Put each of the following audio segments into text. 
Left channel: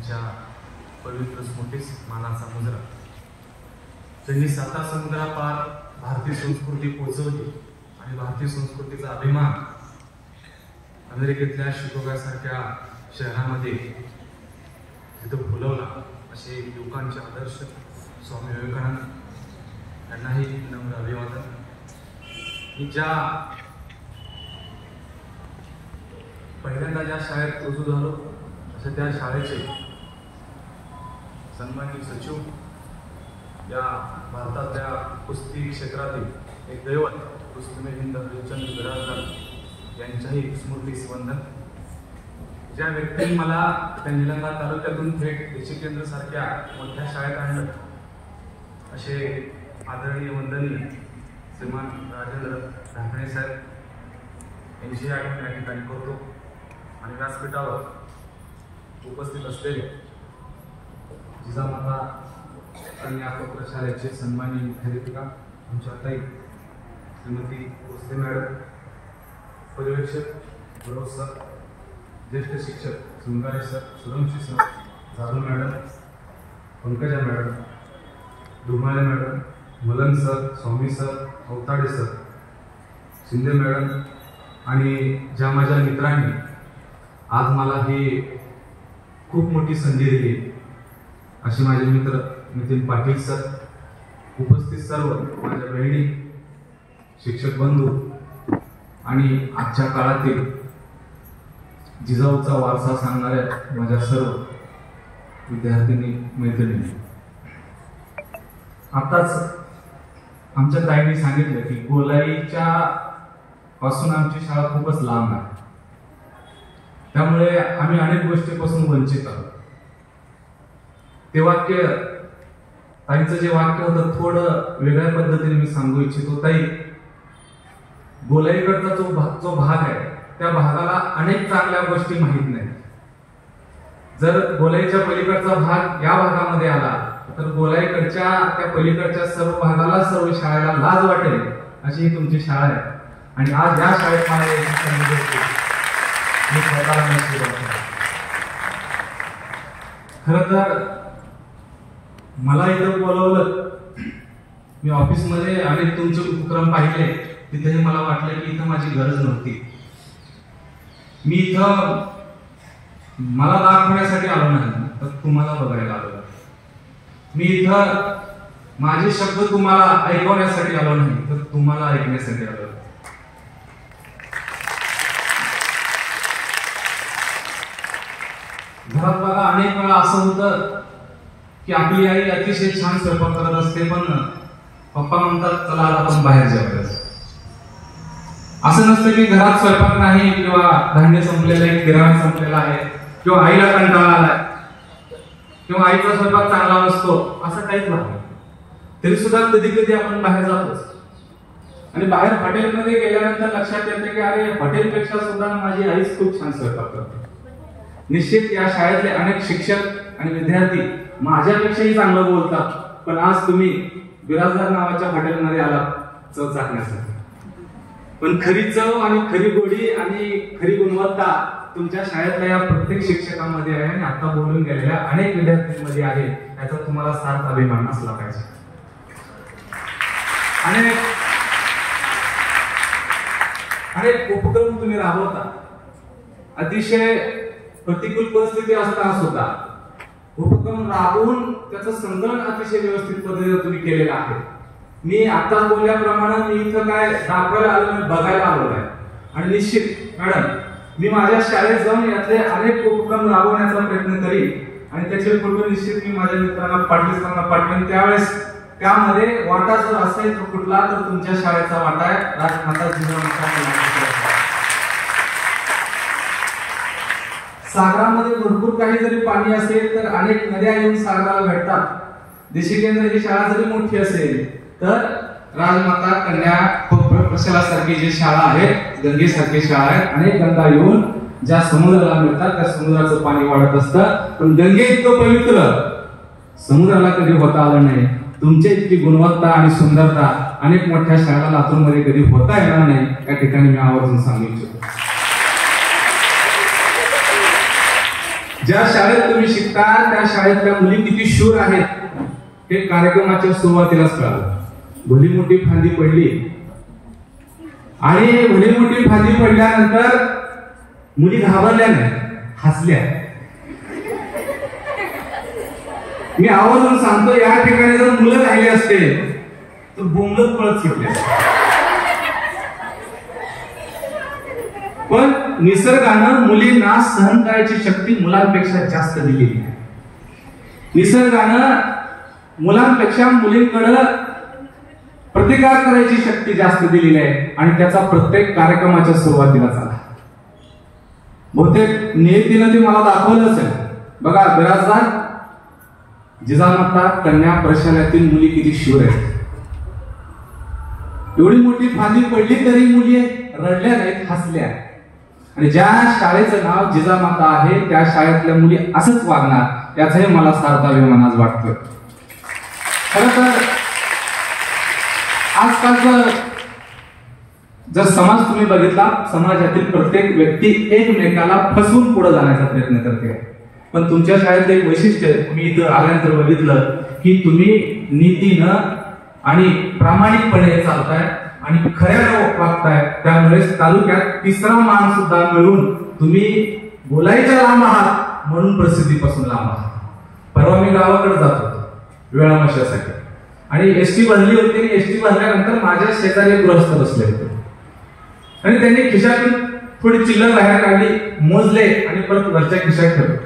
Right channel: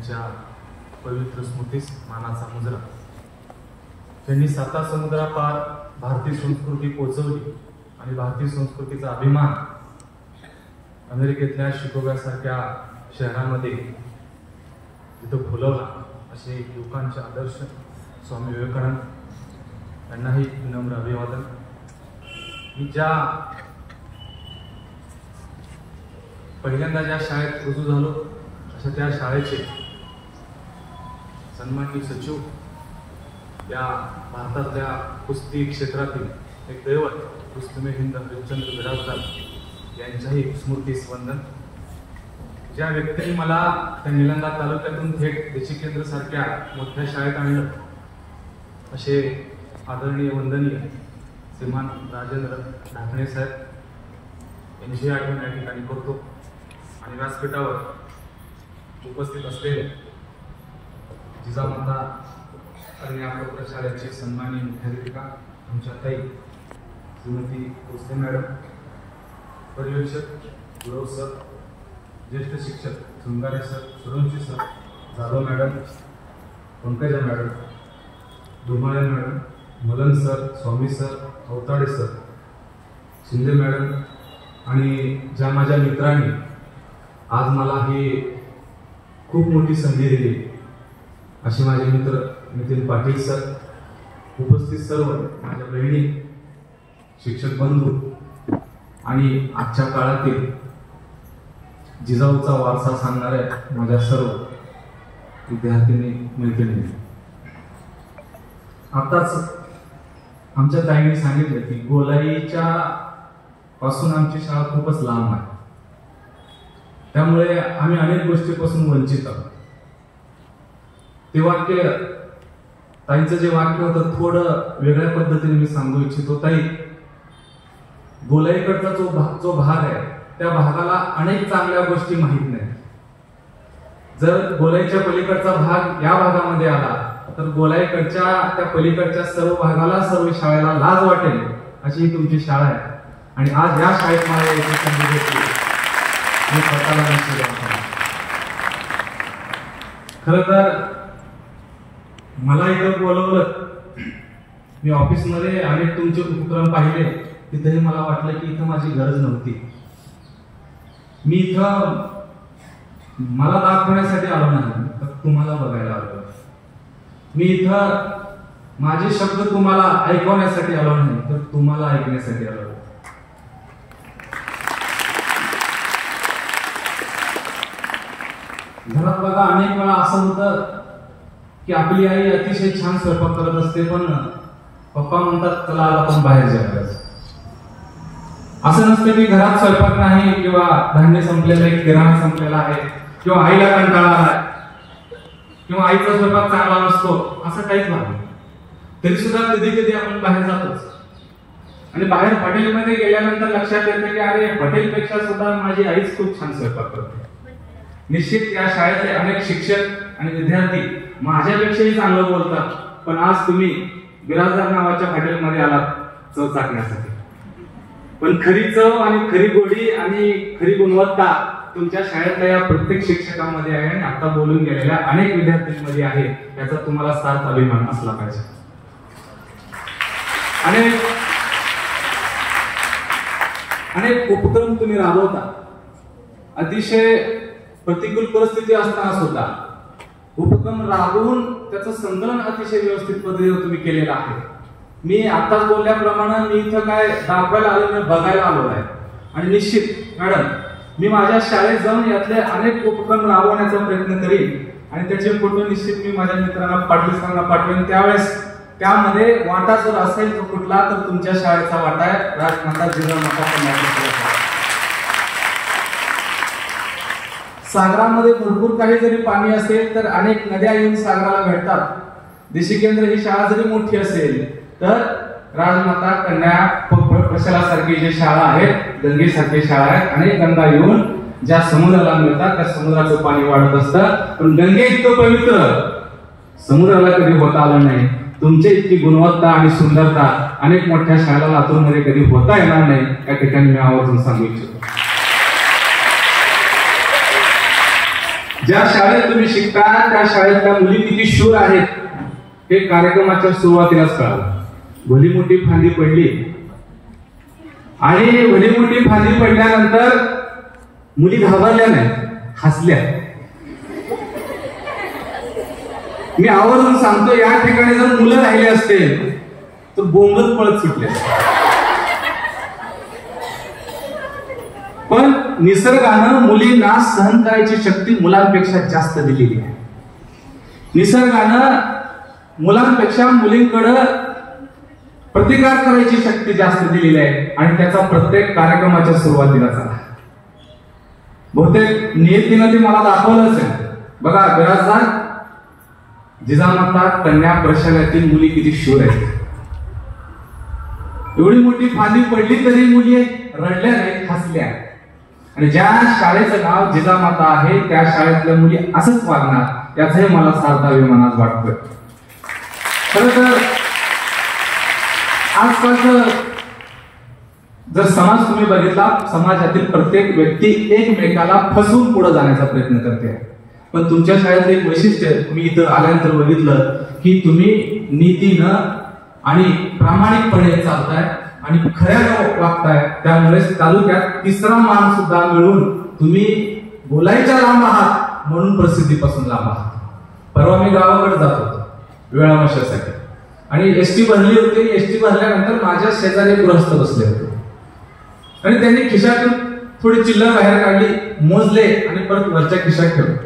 यांच्या पवित्र स्मृतीस मानाचा मुजरा. त्यांनी 7 समुद्रापार भारतीय संस्कृती पोहोचवली आणि भारतीय संस्कृतीचा अभिमान अमेरिकेतल्या शिकागोसारख्या शहरामध्ये तिथं फुलवला. असे लोकांचे आदर्श स्वामी विवेकानंद यांनाही विनम्र अभिवादन. मी पहिल्यांदा ज्या शाळेत रुजू झालो अशा त्या शाळेचे सन्माननीय सचिव, त्या भारतातल्या कुस्ती क्षेत्रातील एक दैवत रुस्तमे हिंद देवचंद बिराजदार यांच्याही स्मृतीस वंदन. ज्या व्यक्तीने मला त्या निलंगा तालुक्यातून थेट देशी केंद्र सारख्या मोठ्या शाळेत आणलं असे आदरणीय वंदनीय श्रीमान राजेंद्र ढाकणे साहेब यांची आठवण या ठिकाणी करतो. आणि व्यासपीठावर उपस्थित असलेले जिजामाता आणि आपल्या प्रशालेचे सन्माननीय मुख्याध्यापिका आमच्या ताई श्रीमती कोस्ते मॅडम, पर्यवेक्षक गुरव सर, ज्येष्ठ शिक्षक Sangare sir, Suranshi sir, Jadhav madam, Pankaja madam, Dhumale madam, Mulan sir, Swami sir, Awatade sir, Shinde madam आणि ज्या माझ्या मित्रांनी आज मला ही खूप मोठी संधी दिली अशी माझे मित्र नितीन पाटील सर, उपस्थित सर्व माझ्या बहिणी, शिक्षक बंधू आणि आजच्या काळातील जिजाऊचा वारसा सांगणाऱ्या माझ्या सर्व विद्यार्थिनी मैत्रिणी. आताच आमच्या ताईंनी सांगितलं की गोलाईच्या पासून आमची शाळा खूपच लांब आहे, त्यामुळे आम्ही अनेक गोष्टीपासून वंचित आहोत. ते वाक्य ताईंचं जे वाक्य होतं थोडं वेगळ्या पद्धतीने मी सांगू इच्छितो. ताई, गोलाईकडचा जो भाग आहे त्या भागाला अनेक चांगल्या गोष्टी माहीत नाही. जर गोलाईच्या पलीकडचा भाग या भागामध्ये आला तर गोलाईकडच्या त्या पलीकडच्या सर्व भागाला, सर्व शाळेला लाज वाटेल अशी ही तुमची शाळा आहे. आणि आज या शाळेत मला यायची संधी भेटली, मी स्वतःला नशीब आहे. खरं तर मला इथं बोलवलं, मी ऑफिसमध्ये अनेक तुमचे उपक्रम पाहिले, तिथेही मला वाटलं की इथं माझी गरज नव्हती. मी इथं मला दाखवण्यासाठी आलो नाही तर तुम्हाला बघायला आलो. मी इथं माझे शब्द तुम्हाला ऐकवण्यासाठी आलो नाही तर तुम्हाला ऐकण्यासाठी आलो. घरात बघा अनेक वेळा असं होतं की आपली आई अतिशय छान स्वयंपाक करत असते, पण पप्पा म्हणतात चला आज आपण बाहेर जेवायला. असं नसतं की घरात स्वयंपाक नाही किंवा धान्य संपलेलं आहे, किराणा संपलेला आहे किंवा आईला कंटाळा आलाय किंवा आईचा स्वयंपाक चांगला नसतो, असं काहीच नाही. तरी सुद्धा कधी कधी आपण बाहेर जातोच. आणि बाहेर हॉटेलमध्ये गेल्यानंतर लक्षात येतं की अरे, हॉटेलपेक्षा सुद्धा माझी आईच खूप छान स्वयंपाक करते. निश्चित या शाळेतले अनेक शिक्षक आणि विद्यार्थी माझ्यापेक्षाही चांगलं बोलतात, पण आज तुम्ही बिराजदार नावाच्या हॉटेलमध्ये आलात चव चाकण्यासाठी. पण खरी चव आणि खरी गोडी आणि खरी गुणवत्ता तुमच्या शाळेतल्या या प्रत्येक शिक्षकांमध्ये आहे आणि आता बोलून गेलेल्या अनेक विद्यार्थ्यांमध्ये आहे. याचा तुम्हाला सार्थ अभिमान असला पाहिजे. अनेक उपक्रम तुम्ही राबवता. अतिशय प्रतिकूल परिस्थिती असताना सुद्धा उपक्रम राबवून त्याचं संकलन अतिशय व्यवस्थित पद्धतीने तुम्ही केलेलं आहे. मी आताच बोलल्याप्रमाणे मी इथं काय दाखवायला आलो नाही, बघायला आलो आहे. आणि निश्चित मॅडम, मी माझ्या शाळेत जाऊन यातले अनेक उपक्रम राबवण्याचा प्रयत्न करीन आणि त्याचे फोटो निश्चित मी माझ्या मित्रांना पाठवून पाठवेन. त्यावेळेस त्यामध्ये वाटा जर असेल तो कुठला तर तुमच्या शाळेचा वाटा आहे. राजमाता जिजामाता. सागरामध्ये भरपूर काही जरी पाणी असेल तर अनेक नद्या येऊन सागराला भेटतात. देशी केंद्र ही शाळा जरी मोठी असेल तर राजमाता कन्या प्रशालासारखी जी शाळा आहे, गंगेसारखी शाळा आहे, अनेक गंगा येऊन ज्या समुद्राला मिळतात त्या समुद्राचं पाणी वाढत असतं. पण गंगे इतकं पवित्र समुद्राला कधी होता आलं नाही. तुमची इतकी गुणवत्ता आणि सुंदरता अनेक मोठ्या शाळा लातूरमध्ये कधी होता येणार नाही, या ठिकाणी मी आवर्जून सांगू इच्छितो. ज्या शाळेत तुम्ही शिकता त्या शाळेतल्या मुली किती शूर आहेत हे कार्यक्रमाच्या सुरुवातीलाच कळालं. भली मोठी फांदी पडली आणि भली मोठी फांदी पडल्यानंतर मुली घाबरल्या नाही, हसल्या. मी आवर्जून सांगतो, या ठिकाणी जर मुलं राहिले असते तर बोंबलत पळत सुटले. पण निसर्गानं मुलींना सहन करायची शक्ती मुलांपेक्षा जास्त दिलेली आहे. निसर्गानं मुलांपेक्षा मुलींकडे प्रतिकार करायची शक्ती जास्त दिलेली आहे आणि त्याचा प्रत्येक कार्यक्रमाच्या सुरुवातीला झाला. बहुतेक नियतीनं ते मला दाखवलंच आहे. बघा, बिराजदार जिजामाता कन्या प्रशालेतील मुली किती शूर आहेत. एवढी मोठी फांदी पडली तरी मुली रडल्या नाहीत, हसल्या. आणि ज्या शाळेचं नाव जिजामाता आहे त्या शाळेतल्या मुली असंच वागणार याचंही मला सार्थ अभिमान आज वाटतं. खरं तर आजकालचं जर समाज तुम्ही बघितला, समाजातील प्रत्येक व्यक्ती एकमेकाला फसवून पुढे जाण्याचा प्रयत्न करते. पण तुमच्या शाळेतलं एक वैशिष्ट्य मी इथं आल्यानंतर बघितलं की तुम्ही नीतीनं आणि प्रामाणिकपणे चालताय आणि खऱ्यानं वागताय. त्यामुळे तालुक्यात तिसरा मान सुद्धा मिळून तुम्ही बोलायच्या लांब आहात म्हणून प्रसिद्धीपासून लांब आहात. परवा मी गावाकडे जात होतो वेळामशासाठी आणि एसटी भरली होती. एसटी भरल्यानंतर माझ्या शेजारी एक गृहस्थ बसले होते आणि त्यांनी खिशातून थोडी चिल्लर बाहेर काढली, मोजले आणि परत वरच्या खिशात ठेवले.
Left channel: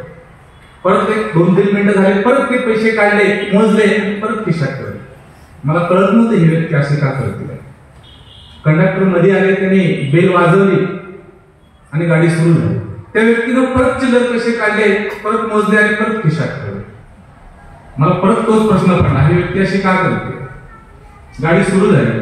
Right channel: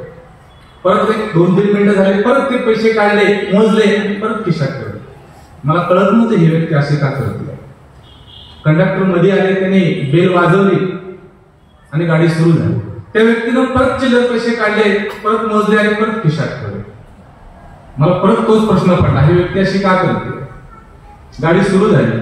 परत एक 2-3 मिनिटं झाले, परत ते पैसे काढले, मोजले आणि परत खिशात ठेवले. मला कळत नव्हतं ही व्यक्ती अशी का करते. कंडक्टर मध्ये आले, त्यांनी बेल वाजवली आणि गाडी सुरू झाली. त्या व्यक्तीनं परत चिल्लर पैसे काढले, परत मोजले आणि परत खिशात ठेवले. मला परत तोच प्रश्न पडला, ही व्यक्ती अशी का करते. गाडी सुरू झाली.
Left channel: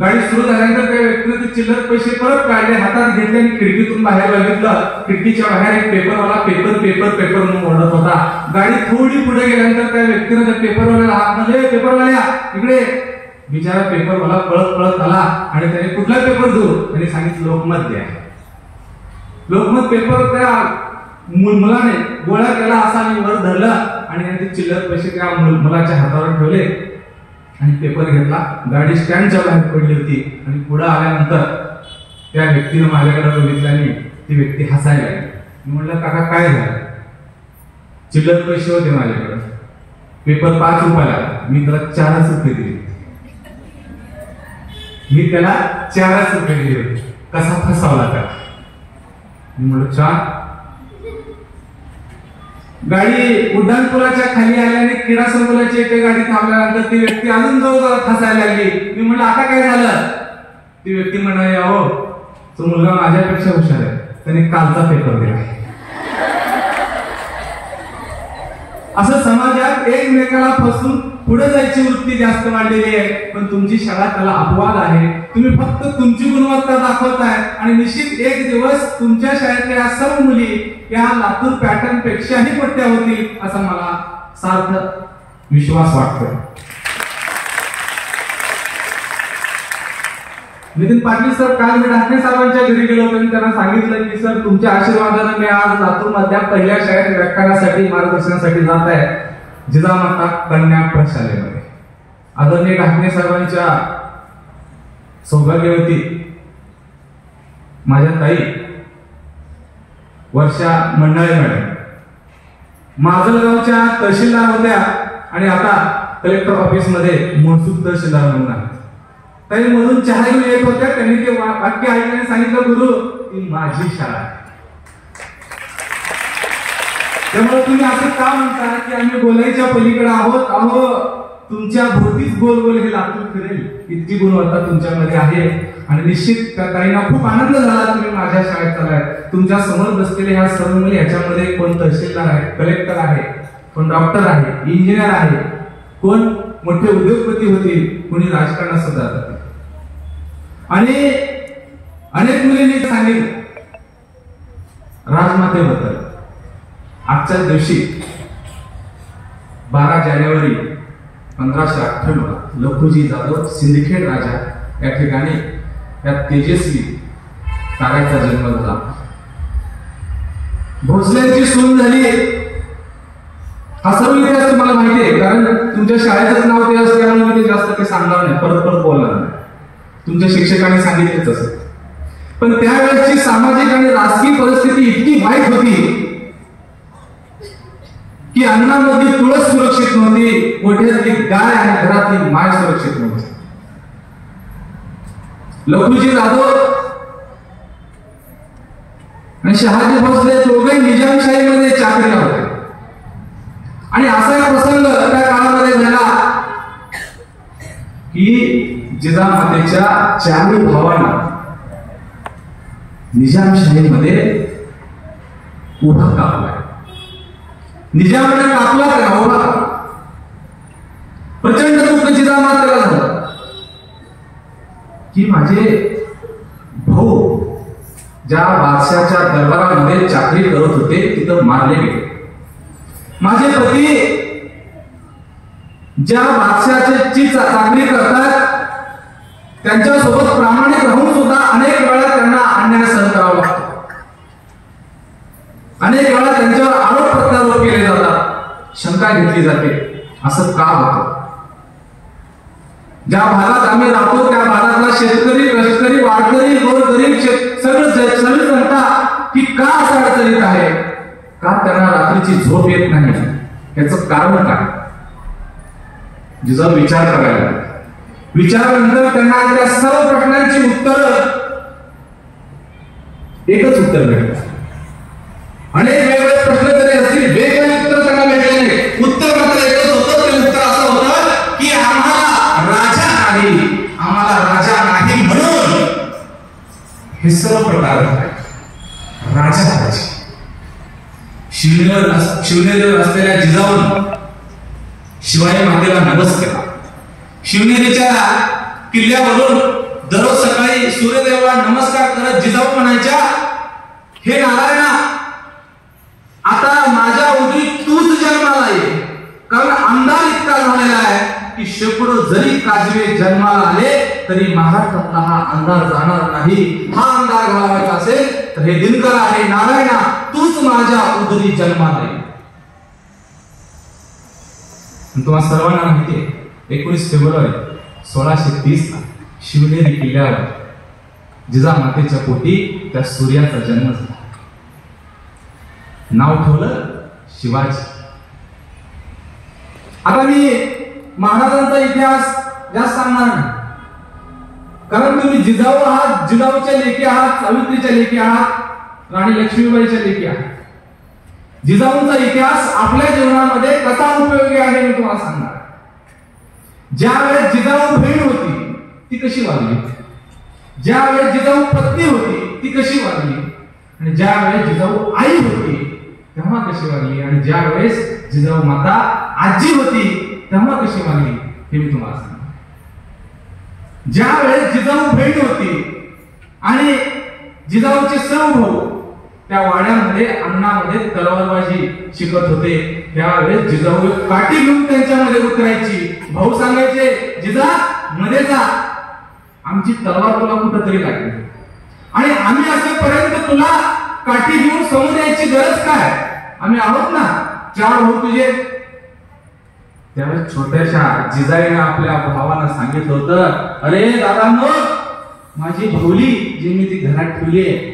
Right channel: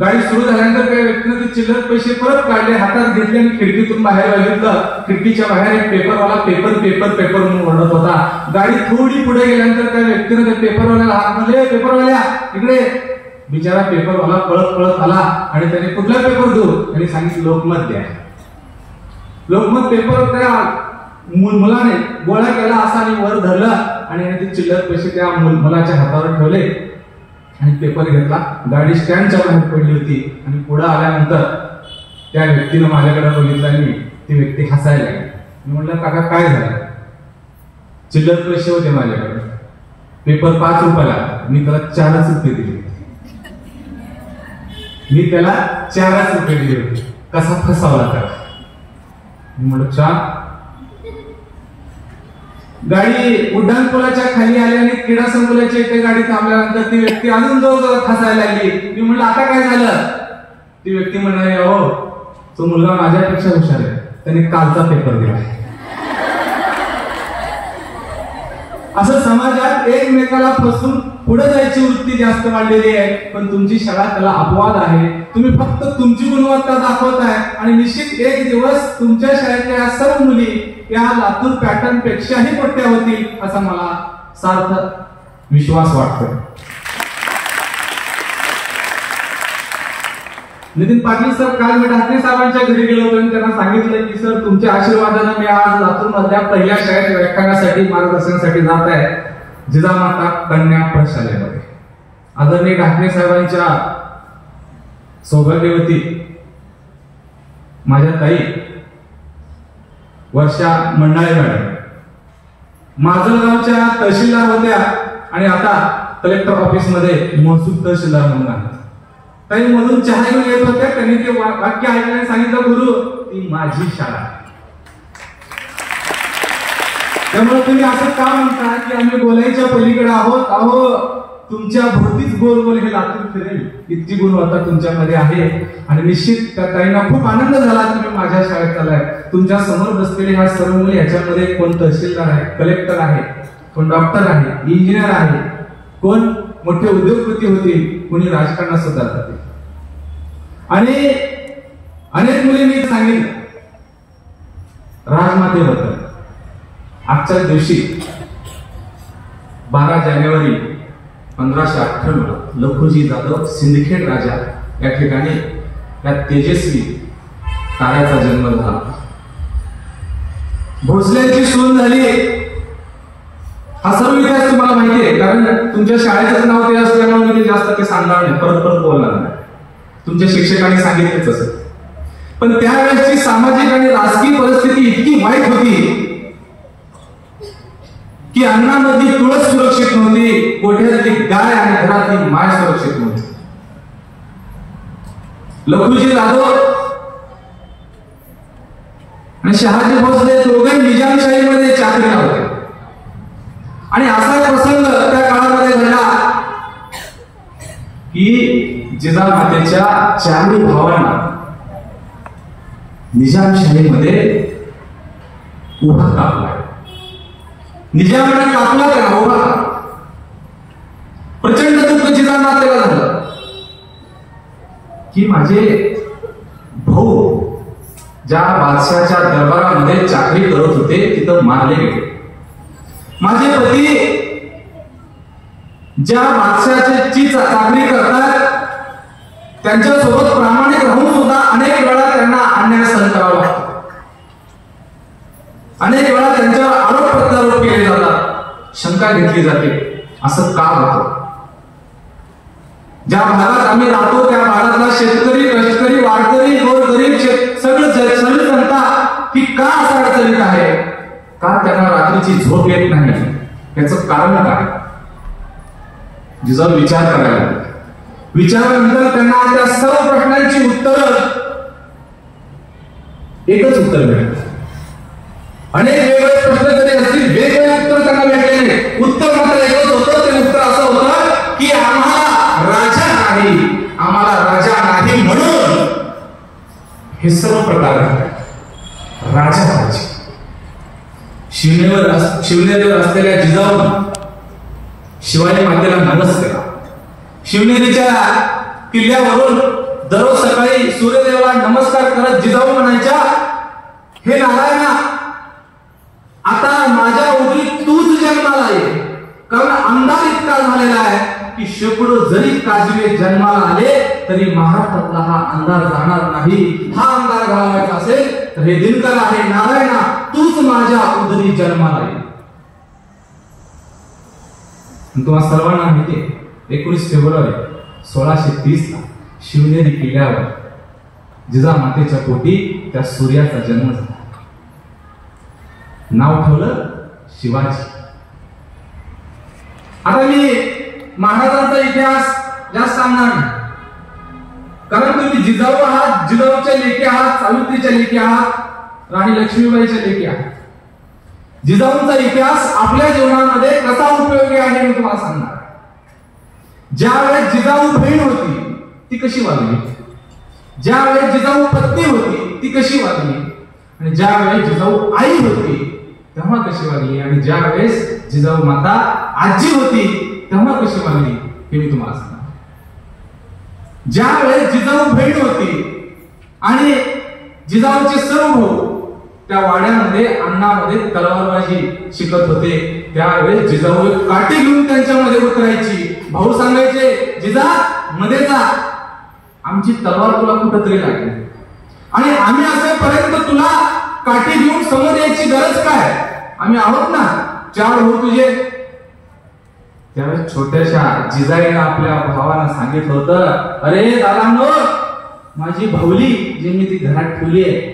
गाडी सुरू झाल्यानंतर त्या व्यक्तीने ते चिल्लर पैसे परत काढले, हातात घेतले आणि खिडकीतून बाहेर बघितलं. खिडकीच्या बाहेर एक पेपरवाला पेपर पेपर पेपर म्हणून ओरडत होता. गाडी थोडी पुढे गेल्यानंतर त्या व्यक्तीने त्या पेपरवाल्याला हात मध्ये, पेपरवाल्या इकडे. बिचारा पेपरवाला पळत पळत आला आणि त्याने कुठला पेपर देऊ, त्यांनी सांगितलं लोकमत द्या. लोकमत पेपर त्या मुलाने गोळा केला असा आणि वर धरला आणि ते चिल्लर पैसे त्या मुलाच्या हातावर ठेवले आणि पेपर घेतला. गाडी स्टँडच्या बाहेर पडली होती आणि पुढे आल्यानंतर त्या व्यक्तीनं माझ्याकडे बघितलं आणि ती व्यक्ती हसायला लागली. मी म्हणलं, काका काय झालं. चिल्लर पैसे होते माझ्याकडे, पेपर 5 रुपयाला, मी त्याला 4च रुपये दिले. मी त्याला 4च रुपये दिले होते. कसा फसवला त्याला. मी म्हणलं छान. गाडी उड्डाणपुलाच्या खाली आली आणि क्रीडा संकुलाच्या इथे गाडी थांबल्यानंतर ती व्यक्ती अजून जवळ फसायला लागली. मी म्हणलं आता काय झालं. ती व्यक्ती म्हणाली, अहो तो मुलगा माझ्यापेक्षा हुशार आहे, त्याने कालचा पेपर दिला. असं समाजात एकमेकाला फसून पुढे जायची वृत्ती जास्त वाढलेली आहे. पण तुमची शाळा त्याला अपवाद आहे. तुम्ही फक्त तुमची गुणवत्ता दाखवताय आणि निश्चित एक दिवस तुमच्या शाळेतल्या या सर्व मुली या लातूर पॅटर्न पेक्षाही मोठ्या होतील असा मला सार्थ विश्वास वाटतो. नितीन पाटील सर, काल मी ढाकणे साहेबांच्या घरी गेलो होतो आणि त्यांना सांगितलं की सर तुमच्या आशीर्वादाने मी आज लातूर मधल्या पहिल्या शाळेत व्याख्यानासाठी मार्गदर्शनासाठी जात आहे, जिजामाता कन्या प्रशालेमध्ये. आदरणीय ढाकणे साहेबांच्या सौभाग्यवती माझ्या ताई वर्षा मंडाळे मॅडम माजलगावच्या तहसीलदार होत्या आणि आता कलेक्टर ऑफिस मध्ये महसूल तहसीलदार म्हणून आहेत. ताई मधून चहा घेऊन येत होत्या. त्यांनी ते वाक्य ऐकल्याने सांगितलं, गुरु ती माझी शाळा आहे. त्यामुळे तुम्ही असं का म्हणता की आम्ही बोलायच्या पलीकडे आहोत. अहो तुमच्या भोवतीच गोल गोल हे लातूर फिरेल इतकी गुणवत्ता तुमच्यामध्ये आहे. आणि निश्चित त्या ताईंना खूप आनंद झाला तुम्ही माझ्या शाळेत आलाय. तुमच्या समोर बसलेले ह्या सर्व मुली, याच्यामध्ये कोण तहसीलदार आहे, कलेक्टर आहे, कोण डॉक्टर आहे, इंजिनियर आहे, कोण मोठे उद्योगपती होतील, कोणी राजकारणात सुद्धा जातील. आणि अनेक मुलींनी सांगितलं राजमातेबद्दल. आजच्या दिवशी 12 जानेवारी 1558 लखुजी जाधव सिंदखेड राजा या ठिकाणी या तेजस्वी ताऱ्याचा जन्म झाला. भोसल्यांची सून झाली तुमच्या शाळेचं नाव ते असल्यामुळे मी ते जास्त ते सांगणार नाही, परत परत बोलणार नाही. तुमच्या शिक्षकांनी सांगितलेच असं. पण त्यावेळेसची सामाजिक आणि राजकीय परिस्थिती इतकी वाईट होती की अन्नामध्ये तुळस सुरक्षित नव्हती, गोठ्यातली गाय आणि घरातली माय सुरक्षित नव्हती. लखुजी जाधव आणि शहाजी भोसले दोघे निजामशाहीमध्ये चाकरीला होते. आणि असा एक प्रसंग त्या काळामध्ये घडला की जिजामातेच्या चारही भावांना निजामशाहीमध्ये उभा कापला. निजामाने कापला का उभा कापला. प्रचंड दुःख जिजामातेला झालं की माझे भाऊ ज्या बादशाच्या दरबारामध्ये चाकरी करत होते तिथं मारले गेले. माझे पती ज्या बादशाची चाकरी करतात त्यांच्यासोबत प्रामाणिक राहून सुद्धा अनेक वेळा त्यांना अन्याय सहन करावा लागतो. अनेक वेळा त्यांच्यावर आरोप प्रत्यारोप केले जातात, शंका घेतली जाते. असं का होतं? ज्या भागात आम्ही राहतो त्या भागातला शेतकरी, कष्टकरी, वारकरी, गोरगरीब सगळी जनता की का असं अडचणीत आहे? का त्यांना रात्रीची झोप येत नाही? याचं कारण काय? जिजाऊ विचार करायला. विचारानंतर त्यांना त्या सर्व प्रश्नांची उत्तर एकच उत्तर भेटलं. अनेक वेगवेगळे प्रश्न तरी असतील, वेगवेगळे उत्तर त्यांना भेटले नाही. उत्तर मात्र एकच होतं. ते उत्तर असं होतं की आम्हाला राजा नाही म्हणून हे सर्व प्रकार राजा पाहिजे. शिवनेरीवर असलेल्या जिजाऊ शिवाजी मातेला नमस्कार. शिवनेरीच्या किल्ल्यावरून दररोज सकाळी सूर्यदेवाला नमस्कार करत जिजाऊ म्हणायच्या, हे नारायणा, आता माझ्या उदरी तूच जन्माला ये. कारण अंधार इतका झालेला आहे की शेकडो जरी काजवे जन्माला आले तरी महाराष्ट्रातला हा अंधार जाणार नाही. हा अंधार घालवायचा असेल तर हे दिनकर आहे, नारायणा तूच माझ्या उदरी जन्माला ये. तुम्हाला सर्वांना माहिती आहे 19 फेब्रुवारी 1630 ला शिवनेरी किल्ल्यावर जिजामातेच्या पोटी त्या सूर्याचा जन्म झाला. नाव ठेवलं शिवाजी. आता मी महाराजांचा इतिहास जास्त सांगणार नाही, कारण तुम्ही जिजाऊ आहात, जिजाऊच्या लेकी आहात, सावित्रीच्या लेकी आहात, राणी लक्ष्मीबाईच्या लेकी आहात. जिजाऊंचा इतिहास आपल्या जीवनामध्ये कसा उपयोगी आहे मी तुम्हाला सांगणार. ज्या वेळेस जिजाऊ बहीण होती ती कशी वागली, ज्या वेळेस जिजाऊ पत्नी होती ती कशी वागली, आणि ज्या वेळेस जिजाऊ आई होती तेव्हा कशी वागली, आणि ज्या वेळेस जिजाऊ माता आजी होती तेव्हा कशी वागली हे मी तुम्हाला सांगणार. ज्या वेळेस जिजाऊ बहीण होती आणि जिजाऊचे सर्व भाऊ त्या वाड्यामध्ये अन्नामध्ये तलवारबाजी शिकत होते, त्यावेळेस जिजाऊ काठी घेऊन त्यांच्यामध्ये उतरायची. भाऊ सांगायचे, जिजा मध्ये जा, आमची तलवार तुला कुठंतरी लागली आणि आम्ही असेपर्यंत तुला काठी घेऊन समोर यायची गरज काय? आम्ही आहोत ना, 4 भाऊ तुझे. त्यावेळेस छोट्याशा जिजाईने आपल्या भावाला सांगितलं होतं, अरे दादांनो, माझी भावली जी मी ती घरात ठेवली आहे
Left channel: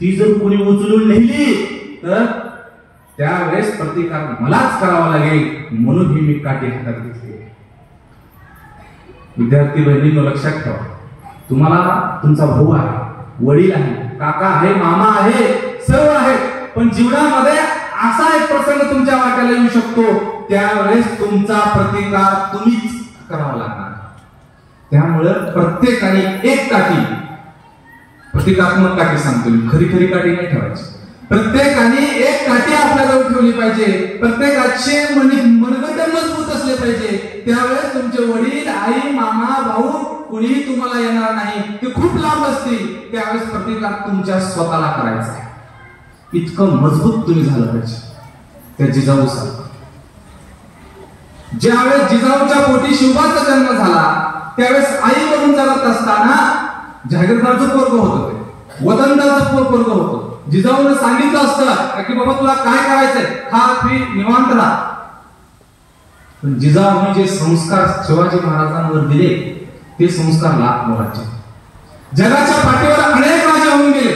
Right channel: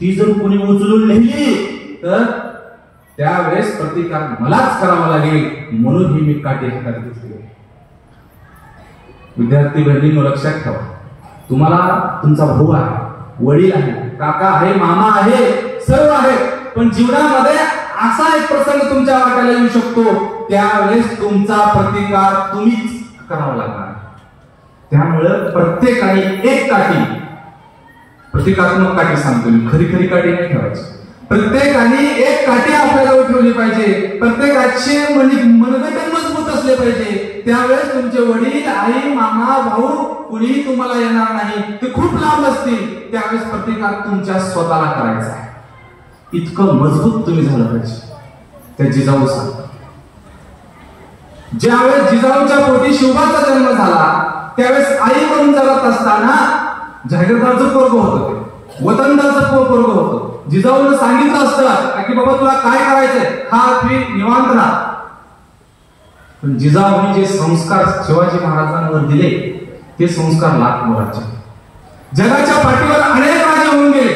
ती जर कोणी उचलून नेली तर त्यावेळेस प्रतिकार मलाच करावा लागेल, म्हणून ही मी काठी हातात घेतली. विद्यार्थी बहिणींनो लक्षात ठेवा, तुम्हाला तुमचा भाऊ आहे, वडील आहे, काका आहे, मामा आहे, सर्व आहे, पण जीवनामध्ये असा एक प्रसंग तुमच्या वाट्याला येऊ शकतो त्यावेळेस तुमचा प्रतिकार तुम्हीच करावा लागणार. त्यामुळे प्रत्येकाने एक काठी, प्रतिकात्मक काठी सांगतो मी, खरी खरी काठी नाही ठेवायची. प्रत्येकाने एक काठी आपल्याजवळ ठेवली पाहिजे. प्रत्येकाचे मनगट मजबूत असले पाहिजे. त्यावेळेस तुमचे वडील, आई, मामा, भाऊ कुणीही तुम्हाला येणार नाही, ते खूप लांब असतील. त्यावेळेस प्रतिकार तुमच्या स्वतःला करायचा आहे. इतकं मजबूत तुम्ही झालं पाहिजे. त्या जिजाऊ सांगतात, ज्यावेळेस जिजाऊच्या पोटी शिवबाचा जन्म झाला त्यावेळेस आई म्हणून जगत असताना जागीरदारचं पोरग होतं, वतनदारचं पोरग होतं. जिजाऊनं सांगितलं असतं की बाबा तुला काय करायचंय, खा पी निवांत राहा. पण जिजाऊने जे संस्कार शिवाजी महाराजांवर दिले ते संस्कार लाख मोलाचे. जगाच्या पाठीवर अनेक राजा होऊन गेले.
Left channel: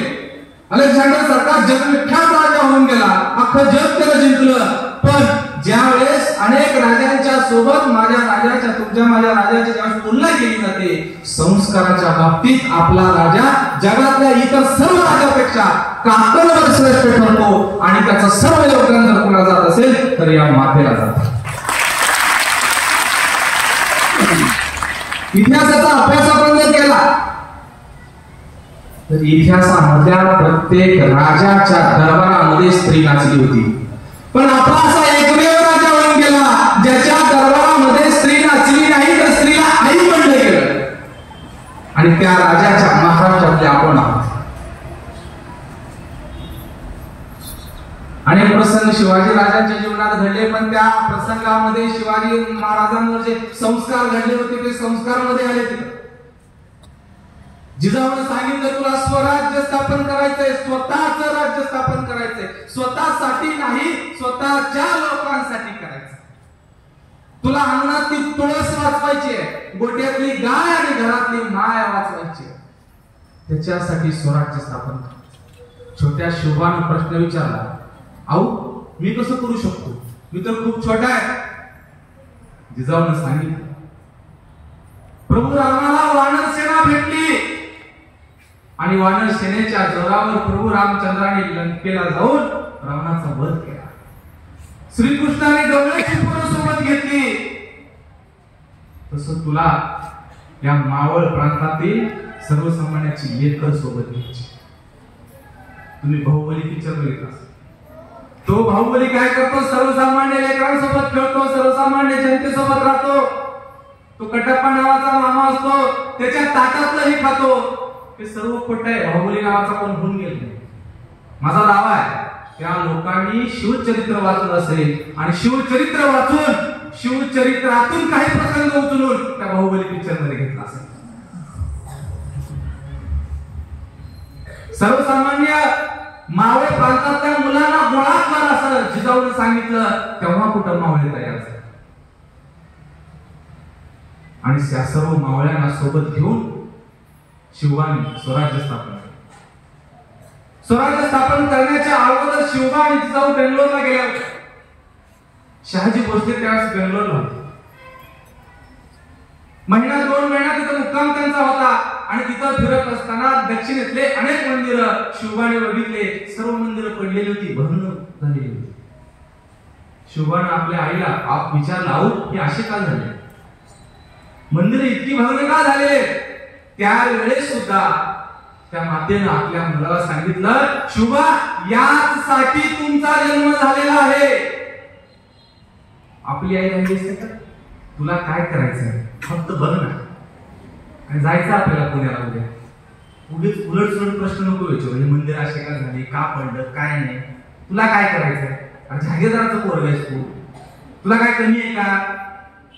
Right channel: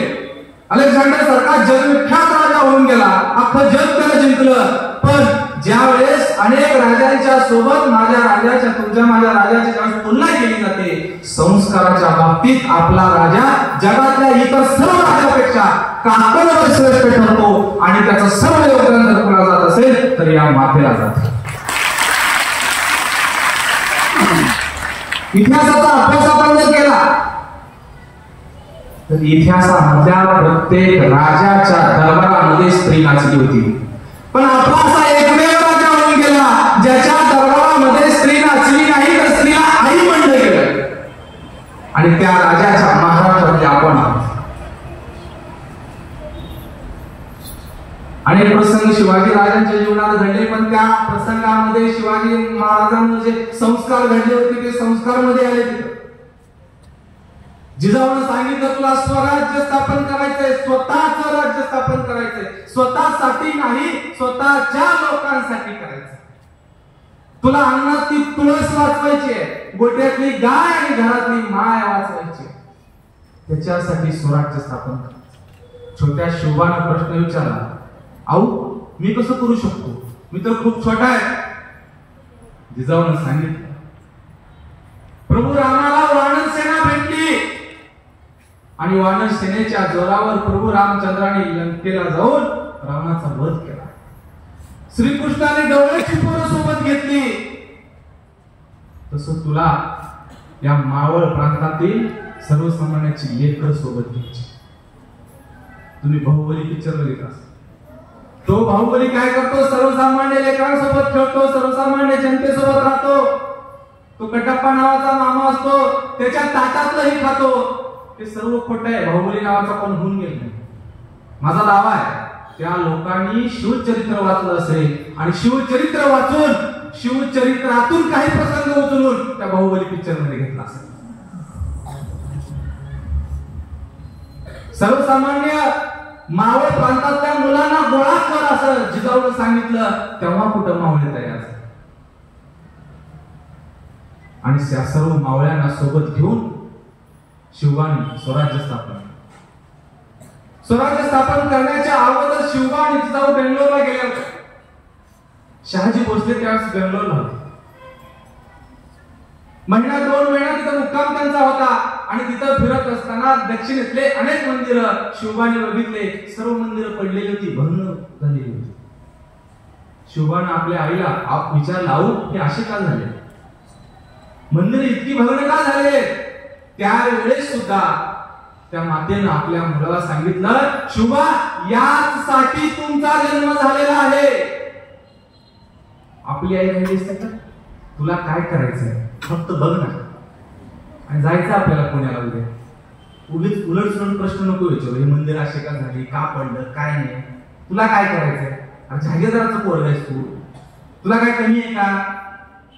अलेक्झांडर सारखा जगविख्यात राजा होऊन गेला, अख्खं जग त्याला जिंकलं. पण ज्या वेळेस अनेक राजांच्या सोबत माझ्या राजाच्या तुमच्या माझ्या राजाची ज्यावेळेस तुलना केली जाते, संस्काराच्या बाबतीत आपला राजा जगातल्या इतर सर्व राजापेक्षा काकणवर श्रेष्ठ ठरतो आणि त्याचं सर्व योगदान जर कोणाला जात असेल तर या मातेला जात. इतिहासाचा अभ्यास आपण जर केला तर इतिहासामधल्या प्रत्येक राजाच्या दरबारामध्ये स्त्री नाचली होती. पण आपला असा एकमेव राजा होऊन गेला ज्याच्या दरबारामध्ये स्त्री नाचली नाही तर स्त्रीला आई म्हणलं गेलं. आणि त्या राजाच्या महाराष्ट्रातले आपण आहोत. अनेक प्रसंग शिवाजी राजांच्या जीवनात घडले, पण त्या प्रसंगामध्ये शिवाजी महाराजांवर जे संस्कार घडले होते ते संस्कार मध्ये आले. जिजाऊने सांगितलं तुला स्वराज्य स्थापन करायचंय, स्वतःचं राज्य स्थापन करायचंय, स्वतःसाठी नाही स्वतःच्या लोकांसाठी करायचंय. तुला अन्नातली तुळस वाचवायची आहे, गोट्यातली गाय आणि घरातली माय वाचवायची, त्याच्यासाठी स्वराज्य स्थापन करायचं. छोट्या शोभाने प्रश्न विचारला, आऊ मी कसं करू शकतो, मी तर खूप छोटा आहे. जिजाऊने सांगितलं प्रभू रामाला वानर सेना भेटली आणि वानर सेनेच्या जोरावर प्रभू रामचंद्राने लंकेला जाऊन रावणाचा वध केला. श्रीकृष्णाने गवळ्याची पोरं सोबत घेतली. तसं तुला या मावळ प्रांतातील सर्वसामान्याची लेकर सोबत घ्यायची. तुम्ही बाहुबली पिक्चर बघितला, तो बाहुबली काय करतो, सर्वसामान्य लेकरांसोबत खेळतो, सर्वसामान्य जनतेसोबत राहतो. तो कटप्पा नावाचा मामा असतो, त्याच्या ताटातलंही खातो. ते सर्व खोट आहे. बाहुबली नावाचा कोण होऊन गेला नाही. माझा दावा आहे त्या लोकांनी शिवचरित्र वाचलं असेल आणि शिवचरित्र वाचून शिवचरित्रातून काही प्रसंग उचलून त्या बाहुबली पिक्चर मध्ये घेतला असेल. सर्वसामान्य मावळ प्रांतातल्या मुलांना गोळा कर असं जिजाऊने सांगितलं, तेव्हा कुठं मावळे तयार झाले. आणि त्या सर्व मावळ्यांना सोबत घेऊन शिवबाने स्वराज्य स्थापन करण्याच्या अगोदर शिवबा आणि जिजाऊ बेंगलोरला गेल्या होत्या. शहाजी भोसले त्यावेळेस बेंगलोरला होते. महिना 2 महिना तिथं मुक्काम त्यांचा होता. आणि तिथं फिरत असताना दक्षिणेतले अनेक मंदिर शिवबाने बघितले. सर्व मंदिरं पडलेली होती, भग्न झालेली होती. शिवबाने आपल्या आईला विचारला, आऊ हे असे का झाले, मंदिर इतकी भग्न का झाले. त्यावेळेस सुद्धा त्या मातेनं आपल्या मुलाला सांगितलं, शुभा यासाठी तुमचा जन्म झालेला आहे. आपली आई राहिली असते का, तुला काय करायचंय फक्त बघ ना, आणि जायचं आपल्याला पुण्याला उद्या. उगीच उलट सुलट प्रश्न नको विचारू, हे मंदिर असे का झाली, का पडलं, काय नाही, तुला काय करायचंय. अरे जागीरदाराचं पोरग आहेस तू, तुला काय कमी आहे का,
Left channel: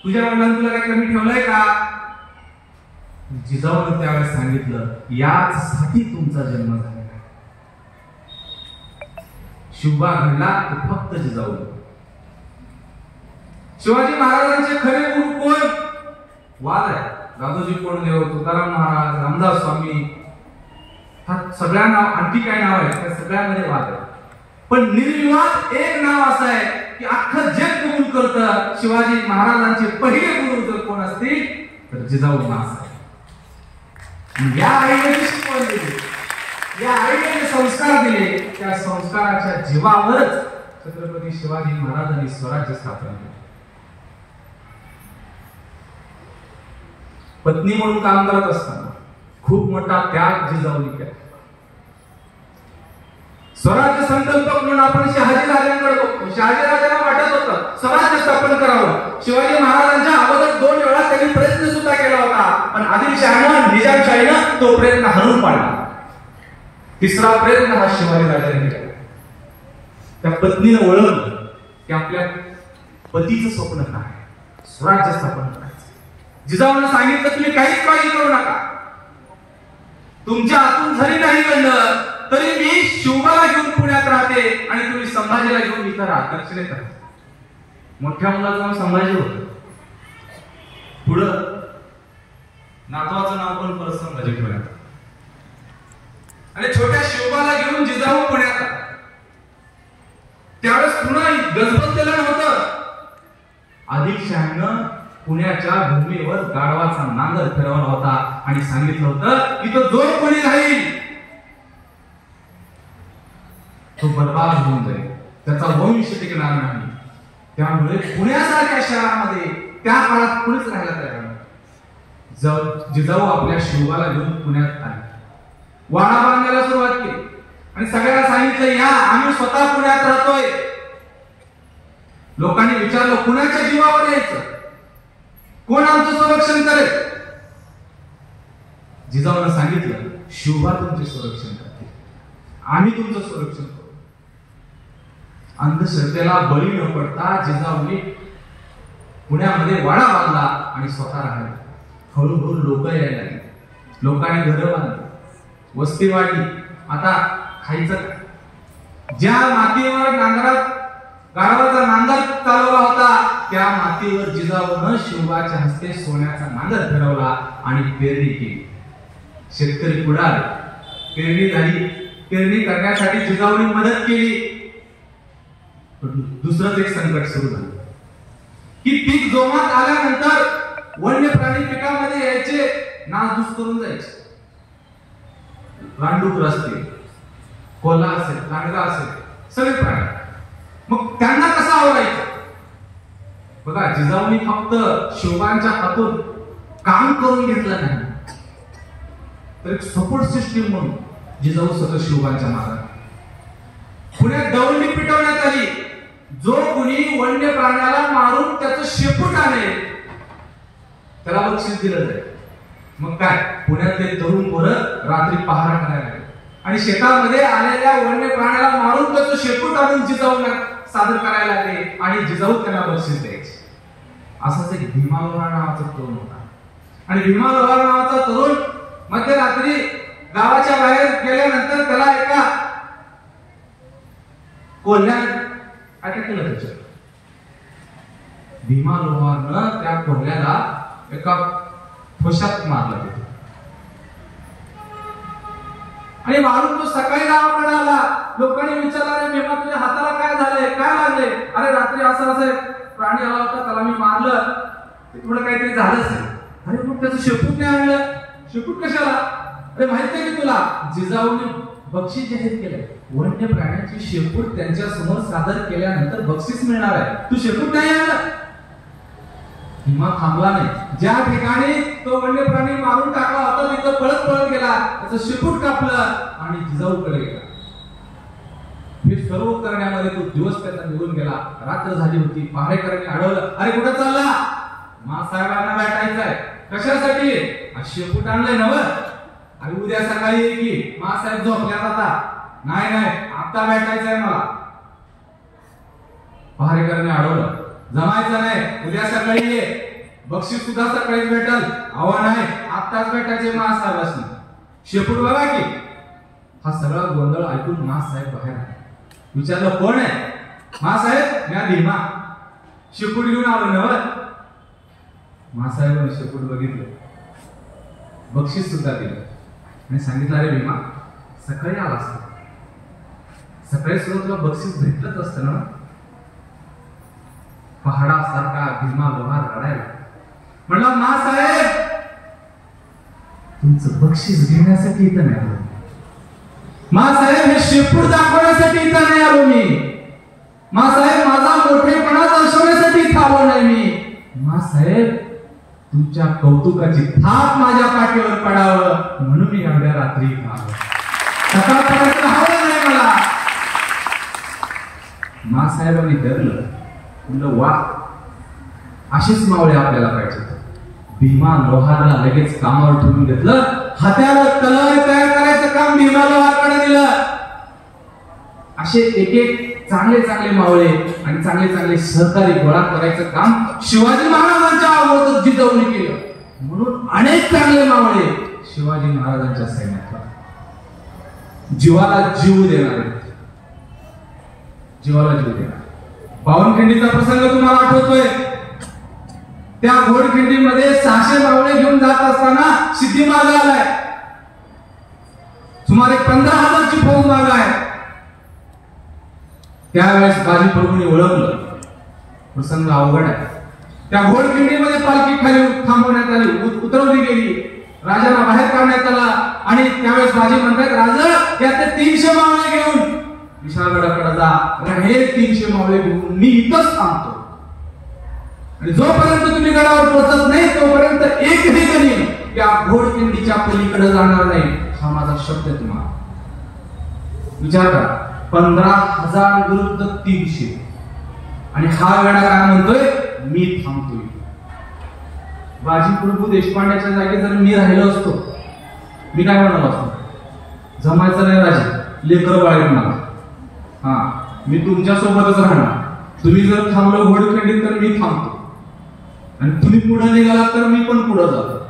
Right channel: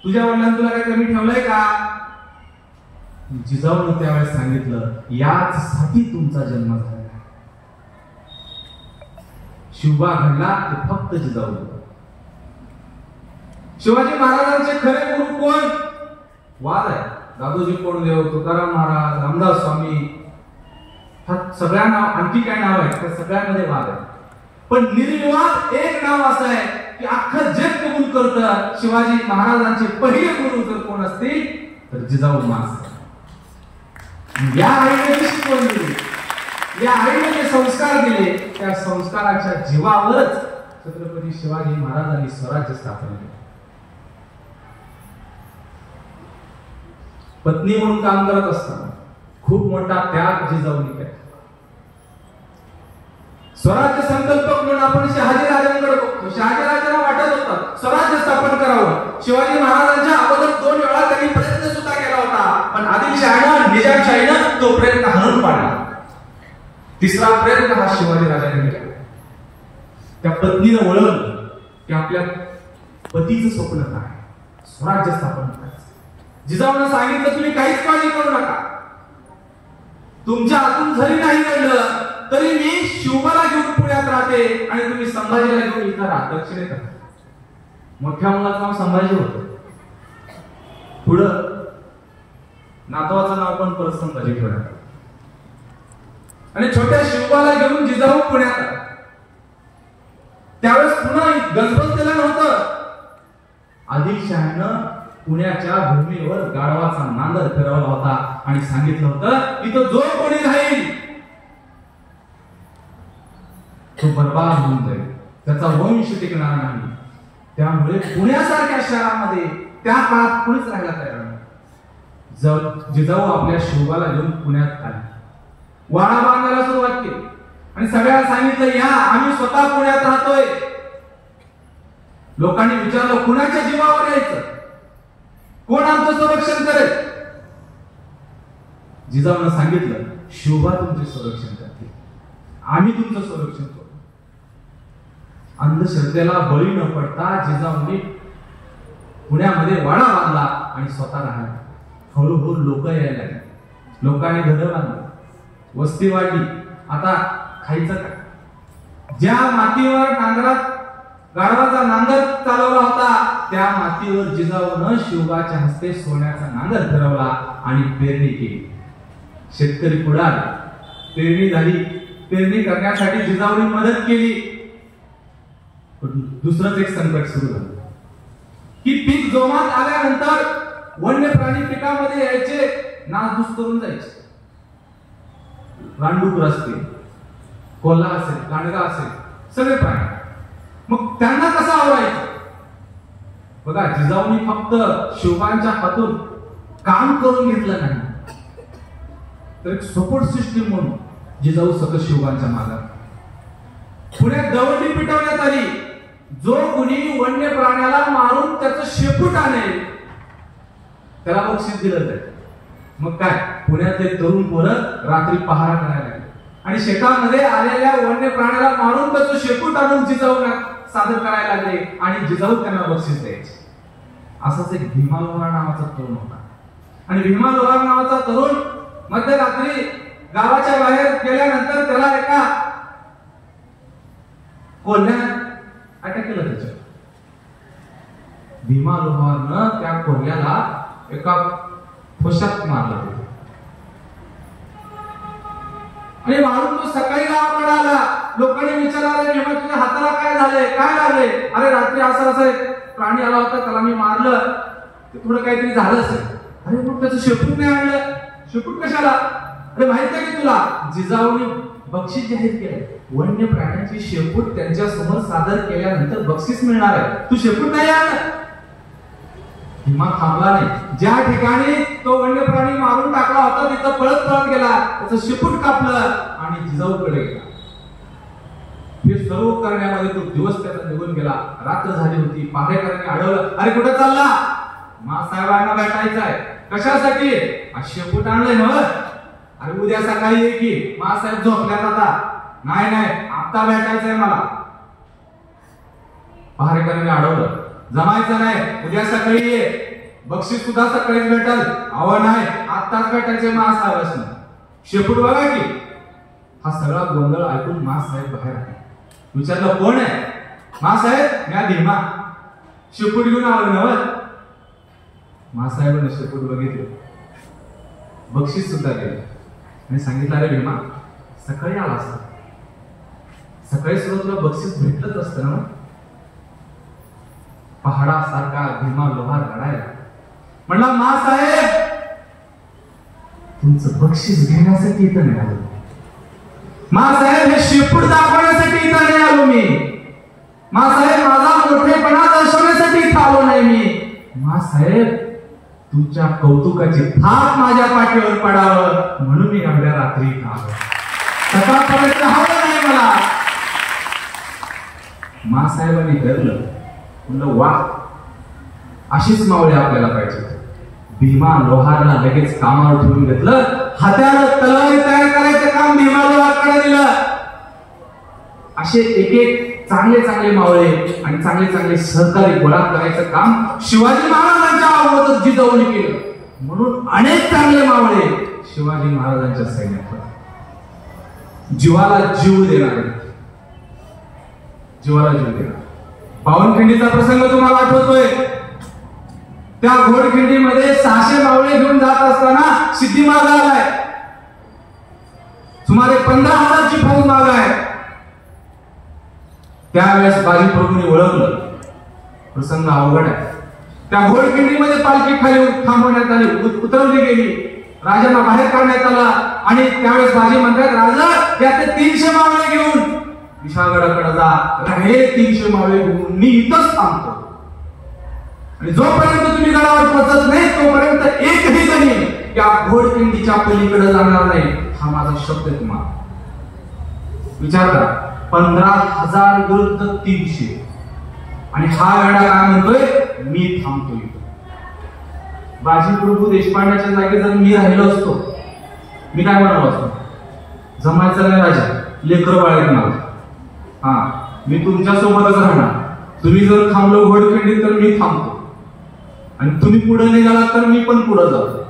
तुझ्या वडिलांनी तुला काय कमी ठेवलंय का. जिजाऊने त्यावेळेस सांगितलं, याचसाठी तुमचा जन्म झालेला आहे. शिवबा घडला ते फक्त जिजाऊ. शिवाजी महाराजांचे खरे गुरु कोण, वाद आहे. दादोजी कोंडदेव, तुकाराम महाराज, रामदास स्वामी, सगळ्या नाव, आणखी काय नाव आहे त्या सगळ्यामध्ये वाद आहे. पण निर्विवाद एक नाव असं आहे की अख्खं जग कबूल करतं, शिवाजी महाराजांचे पहिले गुरु जर कोण असतील तर जिजाऊ मास. या आईने जी शिकवण दिली, या आईने जे संस्कार दिले, त्या संस्काराच्या जीवावरच छत्रपती शिवाजी महाराजांनी स्वराज्य स्थापन केले. पत्नी म्हणून काम करत असताना खूप मोठा त्याग जिजाऊने केला. स्वराज्य संकल्पक म्हणून आपण शहाजी राजांकडे बघतो. शहाजी राजांना वाटत होतं स्वराज्य स्थापन करावं. शिवाजी महाराजांच्या अगोदर 2 वेळा त्यांनी प्रयत्न सुद्धा केला होता, पण आदिलशाहीनं, निजामशाहीनं तो प्रयत्न हाणून पाडला. तिसरा प्रयत्न हा शिवाजी राजांनी केला. त्या पत्नीने ओळखलं की आपल्या पतीचं स्वप्न काय, स्वराज्य स्थापन करायचं. जिजाऊने सांगितलं, तुम्ही काहीच काळजी करू नका, तुमच्या हातून जरी नाही घडलं तरी मी शिवबाला घेऊन पुण्यात राहते आणि तुम्ही संभाजीला घेऊन इथं राहा, दक्षिणेत राहा. मोठ्या मुलाचं नाव संभाजी होतं. पुढं नातवाचं नाव पण परत संभाजी ठेवण्यात. आणि छोट्या शिवबाला घेऊन जिजाऊ पुण्यात आला. त्यावेळेस पुन्हा गजबजलेलं नव्हतं. आदिलशहानं पुण्याच्या भूमीवर गाढवाचा नांगर फिरवला होता आणि सांगितलं होतं इथं जो कोणी राहील तो बर्बाद होऊन जाईल, त्याचा वंश टिकणार नाही. त्यामुळे पुण्यासारख्या शहरामध्ये त्या काळात कुणीच राहायला तयार नाही. जिजाऊ आपल्या शिवबाला घेऊन पुण्यात आले. वाडा बांधायला सुरुवात केली आणि सगळ्यांना सांगितलं या आम्ही स्वतः पुण्यात राहतोय. लोकांनी विचारलं कुणाच्या जीवावर यायचं, कोण आमचं संरक्षण करेल? जिजाऊनं सांगितलं शिवबा तुमचे संरक्षण करतील, आम्ही तुमचं संरक्षण करू. अंधश्रद्धेला बळी न पडता जिजाऊने पुण्यामध्ये वाडा बांधला आणि स्वतः राहिला. हळूहळू लोक यायला लागले, लोकांनी घरं बांधली, वस्ती वाढली. आता खायचं काय? ज्या मातीवर गाढवाचा नांगर चालवला होता त्या मातीवर जिजाऊनं शिवबाच्या हस्ते सोन्याचा नांगर फिरवला आणि पेरणी केली. शेतकरी पुढे आले, पेरणी झाली. पेरणी करण्यासाठी जिजाऊने मदत केली. दुसरंच एक संकट सुरू झालं की पीक जोमात आल्यानंतर वन्य प्राणी पिकामध्ये यायचे, नासधूस करून जायचे. रानडुकर असतील, कोल्हा असेल, कांडगा असेल, सगळे प्राणी. मग त्यांना कसं आवरायचं? बघा जिजाऊनी फक्त शिवबांच्या हातून काम करून घेतलं नाही, तर एक सपोर्ट सिस्टीम म्हणून जिजाऊ सतत शिवबांच्या मार्गात. पुण्यात दौंडी पिटवण्यात आली. जो कुणी वन्य प्राण्याला मारून त्याचं शेपूट आणेल त्याला बक्षीस दिलं जाईल. मग काय, पुण्यातले तरुण पोरं रात्री पहारा करायला लागले आणि शेतामध्ये आलेल्या वन्य प्राण्याला मारून त्याचं शेपूट आणून जिजाऊना सादर करायला लागले आणि जिजाऊ त्यांना बक्षीस द्यायचे. असाच एक भीमा लोहार नावाचा तरुण होता. आणि भीमा लोहार नावाचा तरुण मध्यरात्री गावाच्या बाहेर गेल्यानंतर त्याला एका कोल्ह्याने अटॅक केलं. त्याच्या भीमा लोहारनं त्या कोल्ह्याला एका ठोशात मारलं आणि मारून तो सकाळी गावाकडे आला. लोकांनी विचारलं अरे भीमा तुझ्या हाताला काय झालंय, काय लागलंय? अरे रात्री असं असं प्राणी आला होता, त्याला मी मारलं, थोडं काहीतरी झालं असेल. अरे मग त्याचं शेपूट नाही आणलं. शेपूट कशाला? अरे माहित आहे की तुला जिजाऊने बक्षीस जाहीर केलंय, वन्य प्राण्यांची शेपूट त्यांच्या समोर सादर केल्यानंतर बक्षीस मिळणार आहे, तू शेपूट नाही आणलं. भीमा थांबला नाही. ज्या ठिकाणी तो वन्य प्राणी मारून टाकला होता तिथं पळत गेला, त्याचं शेपूट कापलं आणि जिजाऊकडे गेला. हे सर्व करण्यामध्ये तो दिवस त्याचा निघून गेला. रात्र झाली होती. पहारेकरांनी अडवलं, अरे कुठे चालला? मासाहेबांना भेटायचं आहे. कशासाठी? शेपूट आणलंय नव. अरे उद्या सकाळी ये की. मासाहेब झोपल्यात आता. नाही आता भेटायचंय मला. पहारेकरांनी अडवलं, जमायचं नाही, उद्या सकाळी ये, बक्षीस सुद्धा सकाळीच भेटल. अहो नाही, आत्ताच भेटायचे मासाहेबांना. शेपूट बघा की. हा सगळा गोंधळ ऐकून मासाहेब बाहेर आले. विचारलं कोण आहे? मासाहेब म्या भीमा. शेपूट घेऊन आलो नव. मासाहेबांनी शेपूट बघितले, बक्षीस सुद्धा दिलं आणि सांगितलं अरे भीमा सकाळी आला असता, सकाळी सुद्धा तुला बक्षीस भेटलंच असतं ना. पहाडासारखा भीमा लोहार रडायला म्हणला, मासाहेब तुमचं बक्षीस घेण्यासाठी इथं नाही आलो. मासाहेब हे शेपूट दाखवण्यासाठी इथं नाही आलो मी. मासाहेब माझा मोठेपणा दर्शवण्यासाठी इथं आलो नाही मी. मासाहेब तुमच्या कौतुकाची थाप माझ्या पाठीवर पडावं म्हणून मी एवढ्या रात्री इथं आलो. सकाळपर्यंत हवं नाही मला. मासाहेबांनी धरलं, म्हणलं वा, अशीच मावळे आपल्याला पाहिजे. भीमा लोहारला लगेच कामावर ठेवून घेतलं. हत्यार तलवारी तयार करायचं काम भीमा लोहारकडे दिलं. असे एक चांगले मावळे आणि चांगले सहकारी गोळा करायचं काम शिवाजी महाराजांच्या अगोदर जिजाऊने केलं. म्हणून अनेक चांगले मावळे शिवाजी महाराजांच्या सैन्यात जीवाला जीव देणारे, जीवाला जीव देणारे. पावनखिंडीचा प्रसंग तुम्हाला आठवतोय? त्या घोडखिंडीमध्ये 600 मावळे घेऊन जात असताना सिद्धी मार्ग आलाय, सुमारे 15,000ची फौज माग आहे. त्यावेळेस बाजी प्रभूंनी ओळखलं प्रसंग अवघड आहे. त्या घोडखिंडीमध्ये पालखी खाली थांबवण्यात आली, उतरवली गेली, राजाला बाहेर काढण्यात आला आणि त्यावेळेस बाजी म्हणतात, राजा याचे 300 मावळे घेऊन विशाळगडाकडे जा. हे 300 मावळे घेऊन मी इथंच थांबतो आणि जोपर्यंत तुम्ही गडावर पोहोचत नाही तोपर्यंत एकही जणी या घोडखिंडीच्या पलीकडे जाणार नाही, हा माझा शब्द आहे तुम्हाला. विचार करा, 15,000 विरुद्ध 300 आणि हा गडा काय म्हणतोय, मी थांबतोय. बाजी प्रभू देशपांड्याच्या जागी जर मी राहिलो असतो, मी काय म्हणालो असतो, जमायचं नाही राजा, लेकरं बाळगणार मला, हा मी तुमच्या सोबतच राहणार. तुम्ही जर थांबलो घोडखिंडीत तर मी थांबतो आणि तुम्ही पुढे निघाला तर मी पण पुढे जातो.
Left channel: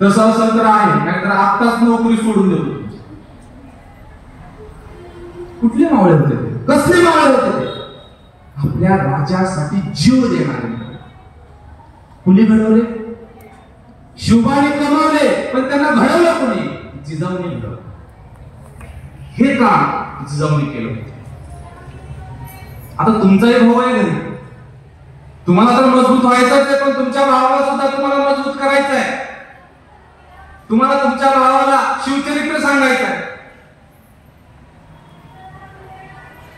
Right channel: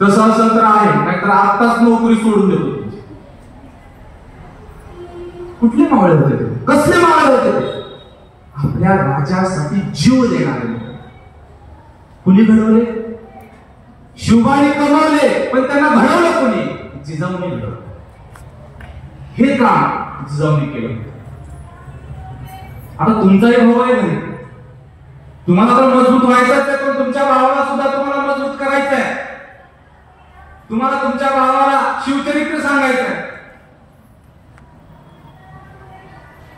तसं असं तर आहे, नाहीतर आत्ताच नोकरी सोडून देतो. कुठले मावळे होते ते? कसले मावळे होते ते? आपल्या राजासाठी जीव देणारे. कुणी घडवले? शिवबाने कमावले, पण त्यांना घडवलं कोणी? जिजाऊने घडवलं. हे काम जिजाऊने केलं. आता तुमचाही भाऊ आहे घरी, तुम्हाला तर मजबूत व्हायचंच आहे, पण तुमच्या भावाला सुद्धा तुम्हाला मजबूत करायचं आहे. तुम्हाला तुमच्या भावाला शिवचरित्र सांगायचं आहे.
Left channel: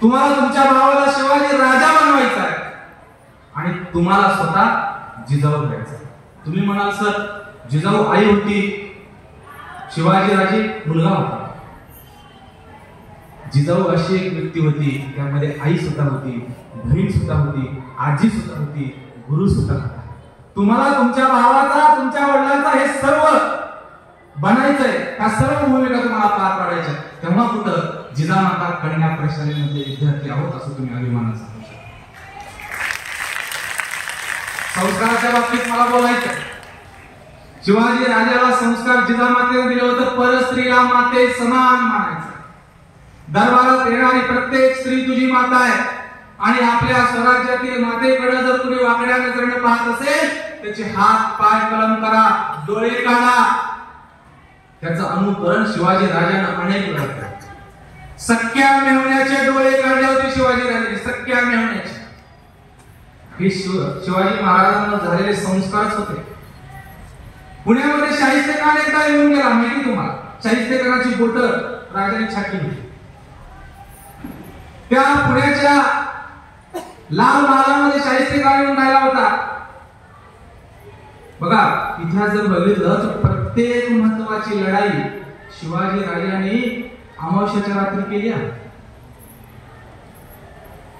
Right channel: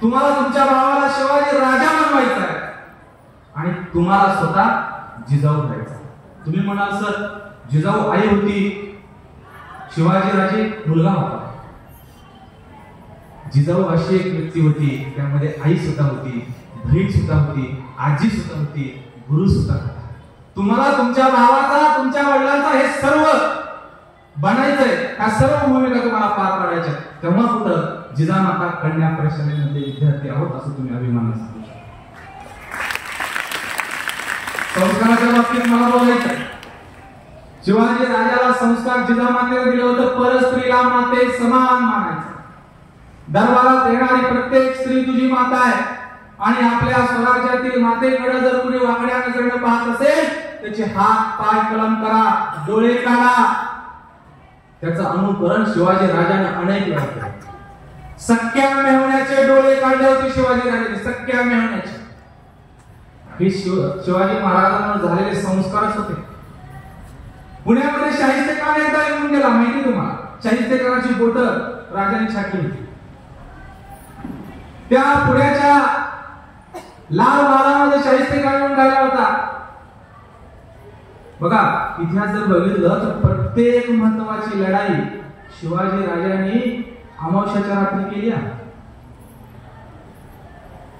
तुम्हाला तुमच्या भावाला शिवाजी राजा बनवायचा आहे आणि तुम्हाला स्वतः जिजाऊ व्हायचा आहे. तुम्ही म्हणाल सर, जिजाऊ आई होती, शिवाजी राजे मुलगा होता. जिजाऊ अशी एक व्यक्ती होती, त्यामध्ये आई सुद्धा होती, बहीण सुद्धा होती, आजी सुद्धा होती, गुरु सुद्धा होता. तुम्हाला तुमच्या भावाचा, तुमच्या वडिलांचा हे सर्व बनायचंय, त्या सर्व भूमिका तुम्हाला पार पाडायच्या. तेव्हा कुठं जिजामाता कन्या प्रशालेमध्ये विद्यार्थी आहोत असं तुम्ही अभिमानाने सांगू शकता. संस्काराच्या बाबतीत मला बोलायचं, शिवाजी राजाला संस्कार जिजामातेने दिले होते, परस्त्रीला माते समान मानायचं. दरबारात येणारी प्रत्येक स्त्री तुझी माता आहे आणि आपल्या स्वराज्यातील मातेकडे जर कुणी वाकड्या नजरेने पाहत असेल त्याचे हात पाय कलम करा, डोळे काढा. त्याचं अनुकरण शिवाजी राजाने अनेक वेळा केलं. सख्या मेहण्याचे डोळे काढले होते शिवाजी राजाने, सख्या मेहण्याचे. हे शिवाजी महाराजांना झालेले संस्कारच होते. पुण्यामध्ये शाहिस्तेखान एकदा येऊन गेला, माहिती तुम्हाला? शाहिस्तेखानाची बोट राजाने छाटली होती. त्या पुण्याच्या लाल महालामध्ये शाहिस्तेखान येऊन राहिला होता. बघा, इतिहास जर बघितलं तर प्रत्येक महत्वाची लढाई शिवाजी राजांनी अमावस्याच्या रात्री केली आहे.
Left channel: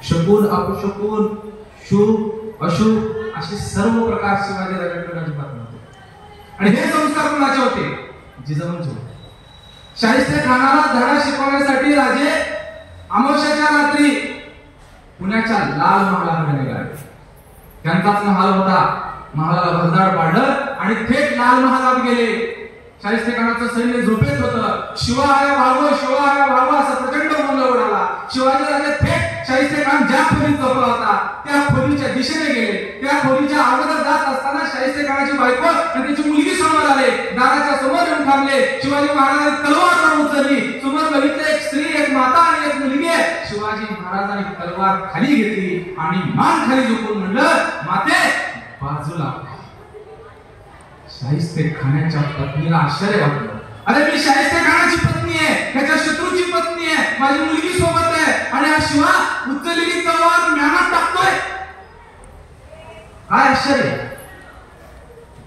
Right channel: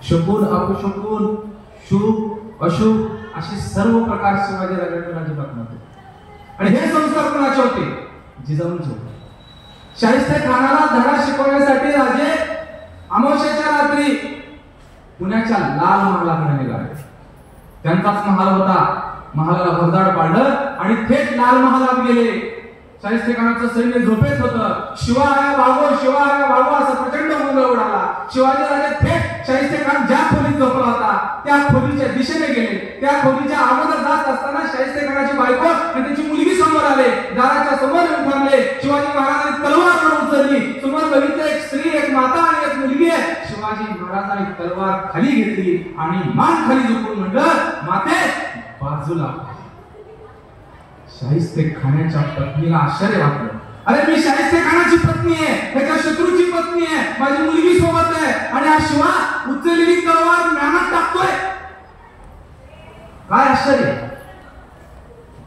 शकुन अपशकुन, शुभ अशुभ असे सर्व प्रकार शिवाजी राजांकडे अजिबात नव्हते. आणि हे संस्कार कोणाचे होते? जिजाऊंचे होते. शाहिस्तेखानाला धडा शिकवण्यासाठी राजे अमावस्याच्या रात्री पुण्याच्या लाल महालाकडे निघाले. त्यांचाच महाल होता. महालाला भरदाड पाडलं आणि थेट लाल महालात गेले. शाहिस्तेखानाचं सैन्य झोपेत होतं. शिवा आया भागो असा प्रचंड गोंधळ उडाला. शिवाजी राजे थेट शाहिस्तेखान ज्या खोलीत झोपला होता त्या खोलीच्या दिशेने गेले. त्या खोलीच्या अगोदर जात असताना शाहिस्तेखानाची बायको आणि त्याची मुलगी समोर आले. दाराच्या समोर येऊन थांबले. शिवाजी महाराजांनी तलवार उचलली. समोर बघितलं एक स्त्री, एक माता आणि एक मुलगी आहे. शिवाजी महाराजांनी तलवार खाली घेतली आणि मान खाली झुकून म्हणलं, माते बाजूला. शाहिस्तेखानाच्या पत्नीला आश्चर्य वाटलं. अरे मी शाहिस्तेखानाची पत्नी आहे, त्याच्या शत्रूची पत्नी आहे, माझी मुलगी सोबत आहे आणि हा शिवा उचललेली तलवार म्यानात टाकतोय. काय आश्चर्य.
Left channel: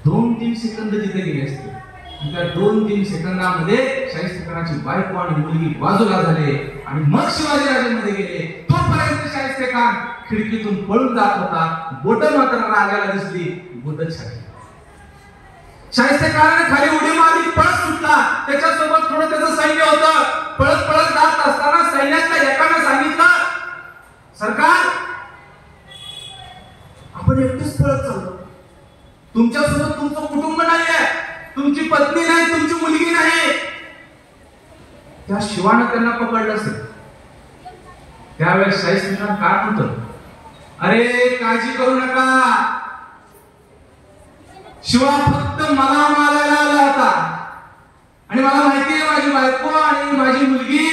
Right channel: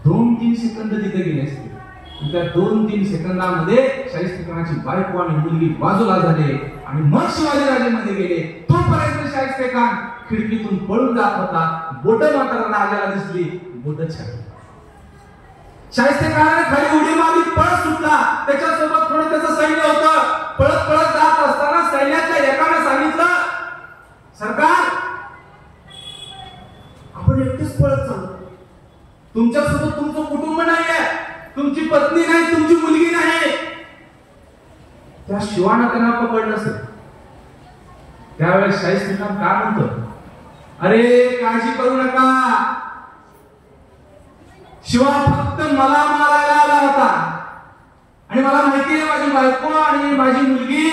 2-3 सेकंद तिथे गेले असते. त्या 2-3 सेकंदामध्ये शाहिस्तेखानाची बायको आणि मुलगी बाजूला झाले आणि मग शिवाजी राजेमध्ये गेले. तोपर्यंत शाहिस्तेखान खिडकीतून पळून जात होता. बोट मात्र राजाला दिसली, बोट छाटली. शाहिस्तेखानाने खाली उडी मारली, पळत सुटला. त्याच्यासोबत थोडं त्याचं सैन्य होतं. पळत पळत जात असताना सैन्यातल्या एकाने सांगितलं, सरकार आपण एकटेच पळत चाललो. तुमच्यासोबत तुमचं कुटुंब नाहीये, तुमची पत्नी नाही, तुमची मुलगी नाही. त्या शिवाने त्यांना पकडलं असेल. त्यावेळेस शाहिस्ते खान काय म्हणतो, अरे काळजी करू नका, शिवा फक्त मला मारायला आला होता आणि मला माहिती आहे माझी बायको आणि माझी मुलगी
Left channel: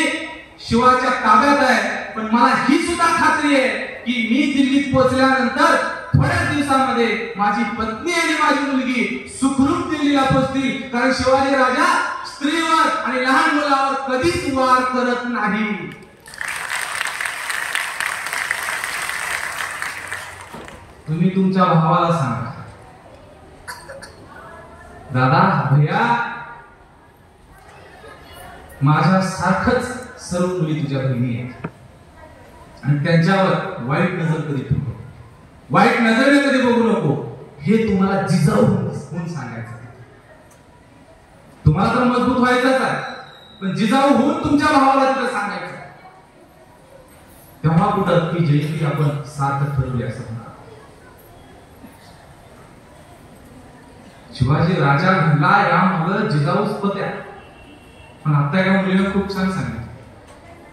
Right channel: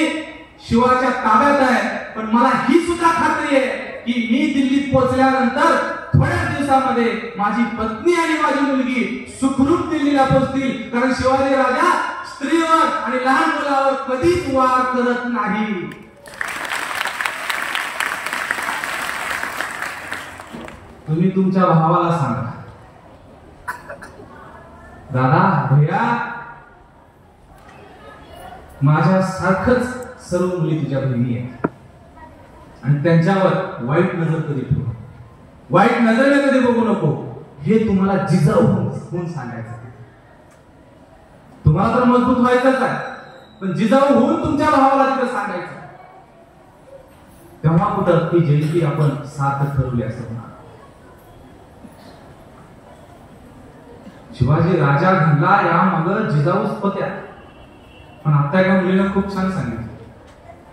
शिवाच्या ताब्यात आहे, पण मला ही सुद्धा खात्री आहे की मी दिल्लीत पोहोचल्यानंतर थोड्याच दिवसामध्ये माझी पत्नी आणि माझी मुलगी सुखरूप दिल्लीला पोहोचतील, कारण शिवाजी राजा स्त्रीवर आणि लहान मुलावर कधीच वार करत नाही. तुम्ही तुमच्या भावाला सांगा, दादा भैया माझ्या सारखंच सर्व मुली तुझ्या बहिणी आहेत आणि त्यांच्यावर वाईट नजर कधी ठेवू, वाईट नजरेने कधी बघू नको, हे तुम्हाला जिजाऊ होऊन सांगायचं. तुम्हाला तर मजबूत व्हायचंच आहे, पण जिजाऊ होऊन तुमच्या भावाला तिला सांगायचं. तेव्हा कुठं ती जयंती आपण सार्थ ठरवली असं म्हणा. शिवाजी राजा घडला या मग जिजाऊच होत्या, पण आता एका मुलीनं खूप छान सांगितलं,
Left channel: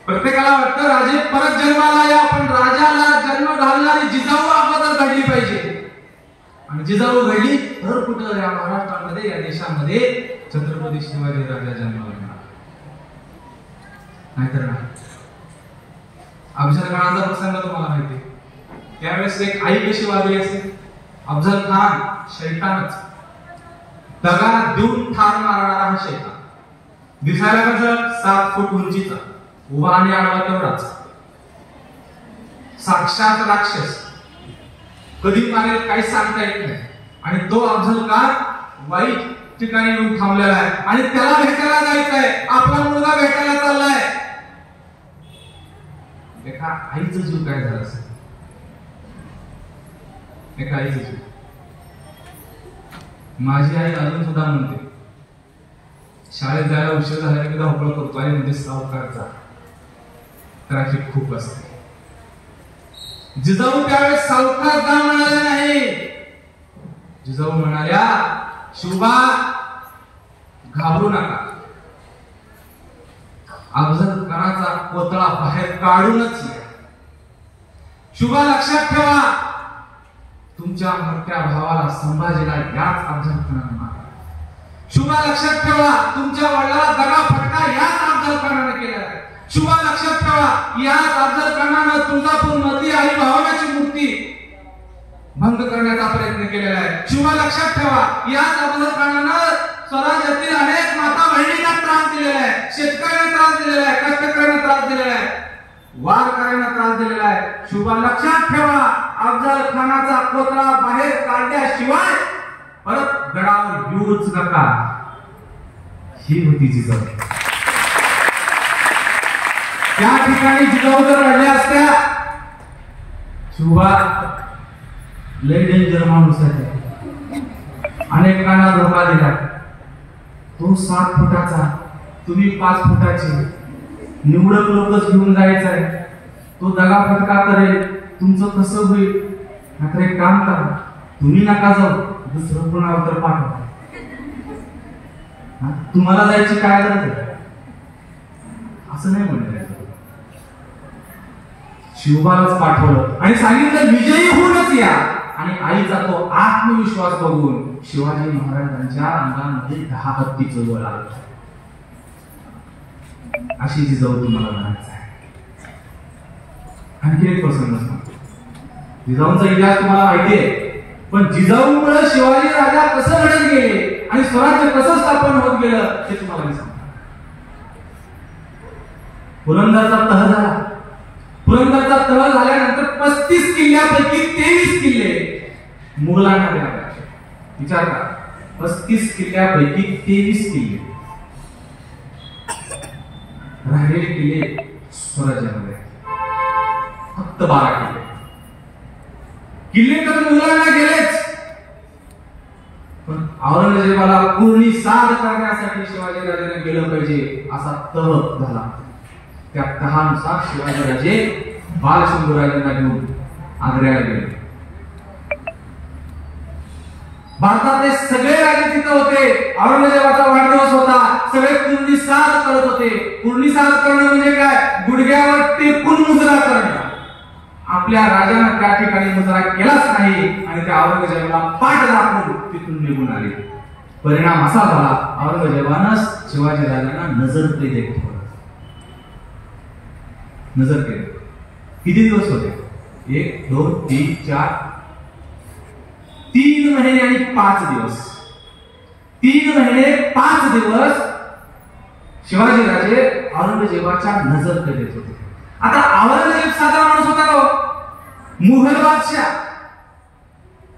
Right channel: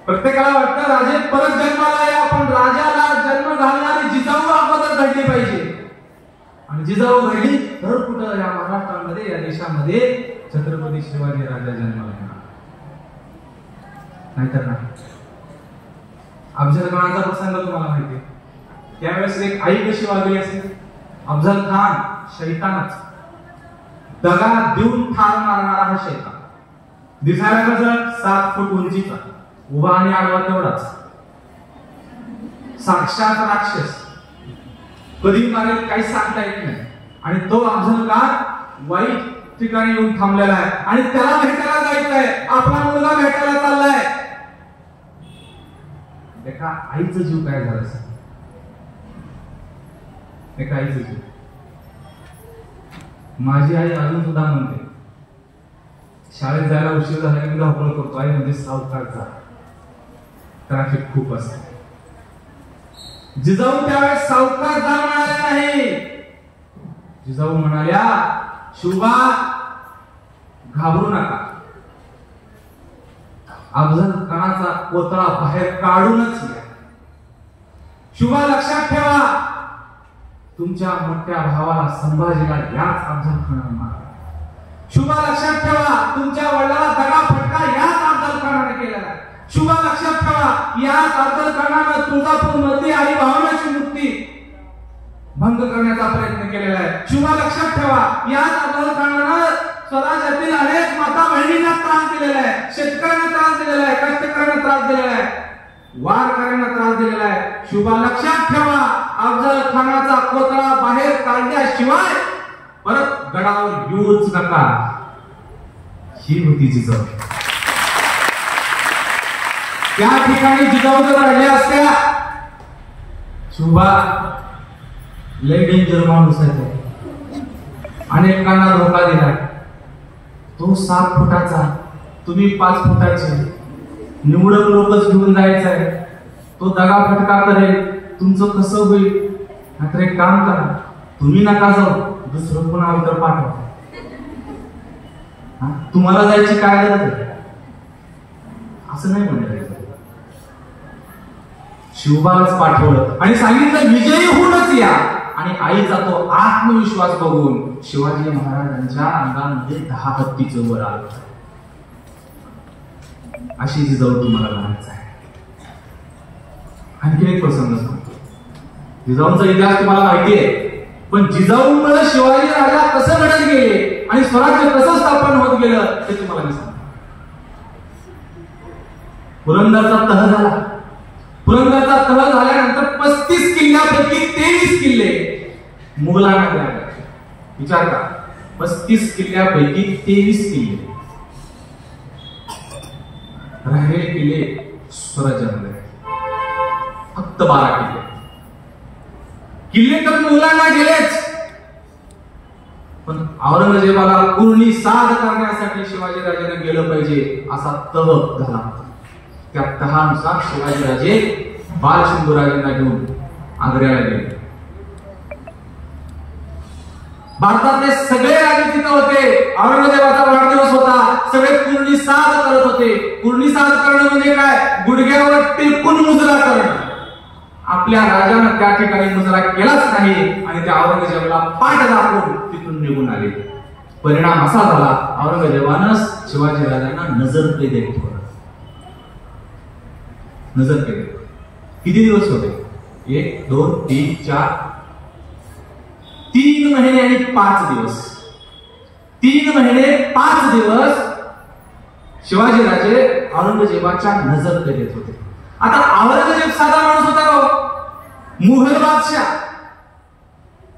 प्रत्येकाला वाटतं राजे परत जन्माला या, पण राजाला जन्म घालणारी जिजाऊ अगोदर घडली पाहिजे. आणि जिजाऊ घडली तर कुठं या महाराष्ट्रामध्ये या देशामध्ये छत्रपती शिवाजी राजा जन्माला येणार, नाहीतर नाही. अफजल खानाचा प्रसंग तुम्हाला माहिती आहे. त्यावेळेस एक आई कशी वागली असेल, अफजल खान शैतानच, दगा देऊन ठार मारणारा हा शैतान, दिसायला कसं 7 फूट उंचीचा, उभा आणि आडवा तेवढाच, साक्षात राक्षस, कधी मारेल काही सांगता येत नाही. आणि तो अफजल खान वाईट ठिकाणी येऊन थांबलेला आहे आणि त्याला भेटायला जायचं आहे, आपला मुलगा भेटायला चाललाय. एका आईचं जीव काय झालं असेल, एका आईचं जीव. माझी आई अजून सुद्धा म्हणते, शाळेत जायला उशीर झाला की धावपळ करतो, आई मध्ये सावकाश जा, ट्रॅफिक खूप असते. जिजाऊ त्यावेळेस सावकाश जा म्हणाल्या नाही, जिजाऊ म्हणाल्या शिवबा घाबरू नका, अफजल खानाचा कोतळा बाहेर काढूनच या. शिवबा लक्षात ठेवा, तुमच्या मोठ्या भावाला संभाजीला याच अफजल खानाने मारला. शिवबा लक्षात ठेवा, तुमच्या वडिलाला दगा फटका याच अफजल खानाने केलेला आहे. शिवबा लक्षात ठेवा, याच अफजल खानाने तुळजापूर मध्ये आई भवानीची मूर्ती भंग करण्याचा प्रयत्न केलेला आहे. शिवबा लक्षात ठेवा, याच अफजल खानाने स्वराज्यातील अनेक माता बहिणींना त्रास दिलेला आहे, शेतकऱ्यांना त्रास दिलेला आहे, कष्टकऱ्यांना त्रास दिलेला आहे, वारकऱ्यांना त्रास दिलेला आहे. शिवबा लक्षात ठेवा, अफजल खानाचा कोतळा बाहेर काढल्याशिवाय परत गडावर येऊच नका. ही होती जिजाऊ. त्या ठिकाणी जिजाऊ जर राहिल्या असत्या, शिवबा लय डेंजर माणूस आहे, अनेकांना धोका दिला, तो 7 फुटाचा, तुम्ही 5 फुटाचे, निवडक लोकच घेऊन जायचं आहे, तो दगा फटका करेल, तुमचं कसं होईल. मात्र एक काम करा, तुम्ही नका जाऊ, दुसरं कोणाला तर पाठवा, तुम्हाला जायची काय गरज आहे, असं नाही म्हणलं. शिवबालाच पाठवलं आणि सांगितलं विजयी होऊनच या. आणि आईचा तो आत्मविश्वास बघून शिवाजी महाराजांच्या अंगामध्ये 10 हत्तीचं बळ आलं. अशी जिजाऊ तुम्हाला म्हणायचं आहे. आणखी एक प्रसंग सांगतो. जिजाऊंचा इतिहास तुम्हाला माहिती आहे, पण जिजाऊमुळे शिवाजी राजा कसं घडत गेले आणि स्वराज्य कसं स्थापन होत गेलं ते तुम्हाला मी सांगतो. पुरंदरचा तह झाला. पुरंदरचा तह झाल्यानंतर 35 किल्ल्यापैकी 23 किल्ले मुघलांना मिळाले. विचार करा, 35 किल्ल्यापैकी 23 किल्ले, राहिलेले किल्ले स्वराज्यामध्ये फक्त 12 किल्ले. किल्ले तर मुघलांना गेलेच, पण औरंगजेबाला पूर्णी साध करण्यासाठी शिवाजी राजाने गेलं पाहिजे असा तह झाला. त्या तहानुसार शिवाजी राजे बालशंभूराजांना घेऊन आग्र्याला गेले. भारतातले सगळे राजे तिथे होते. औरंगजेबाचा वाढदिवस होता. सगळे पूर्णिसाद करत होते. पूर्णिसाद करणं म्हणजे काय? गुडघ्यावर टेकून मुजरा करणं. आपल्या राजानं त्या ठिकाणी मुजरा केलाच नाही आणि त्या औरंगजेबाला पाठ दाखवून तिथून निघून आले. परिणाम असा झाला, औरंगजेबानं शिवाजी राजांना नजर केले. नजर केले. किती दिवस होते? 1 2 3 4 3 महिने आणि 5 दिवस. 3 महिने 5 दिवस शिवाजी राजे औरंगजेबाच्या नजर केलेत होते. आता औरंगजेब साधा माणूस होता का? मुघल बादशाह.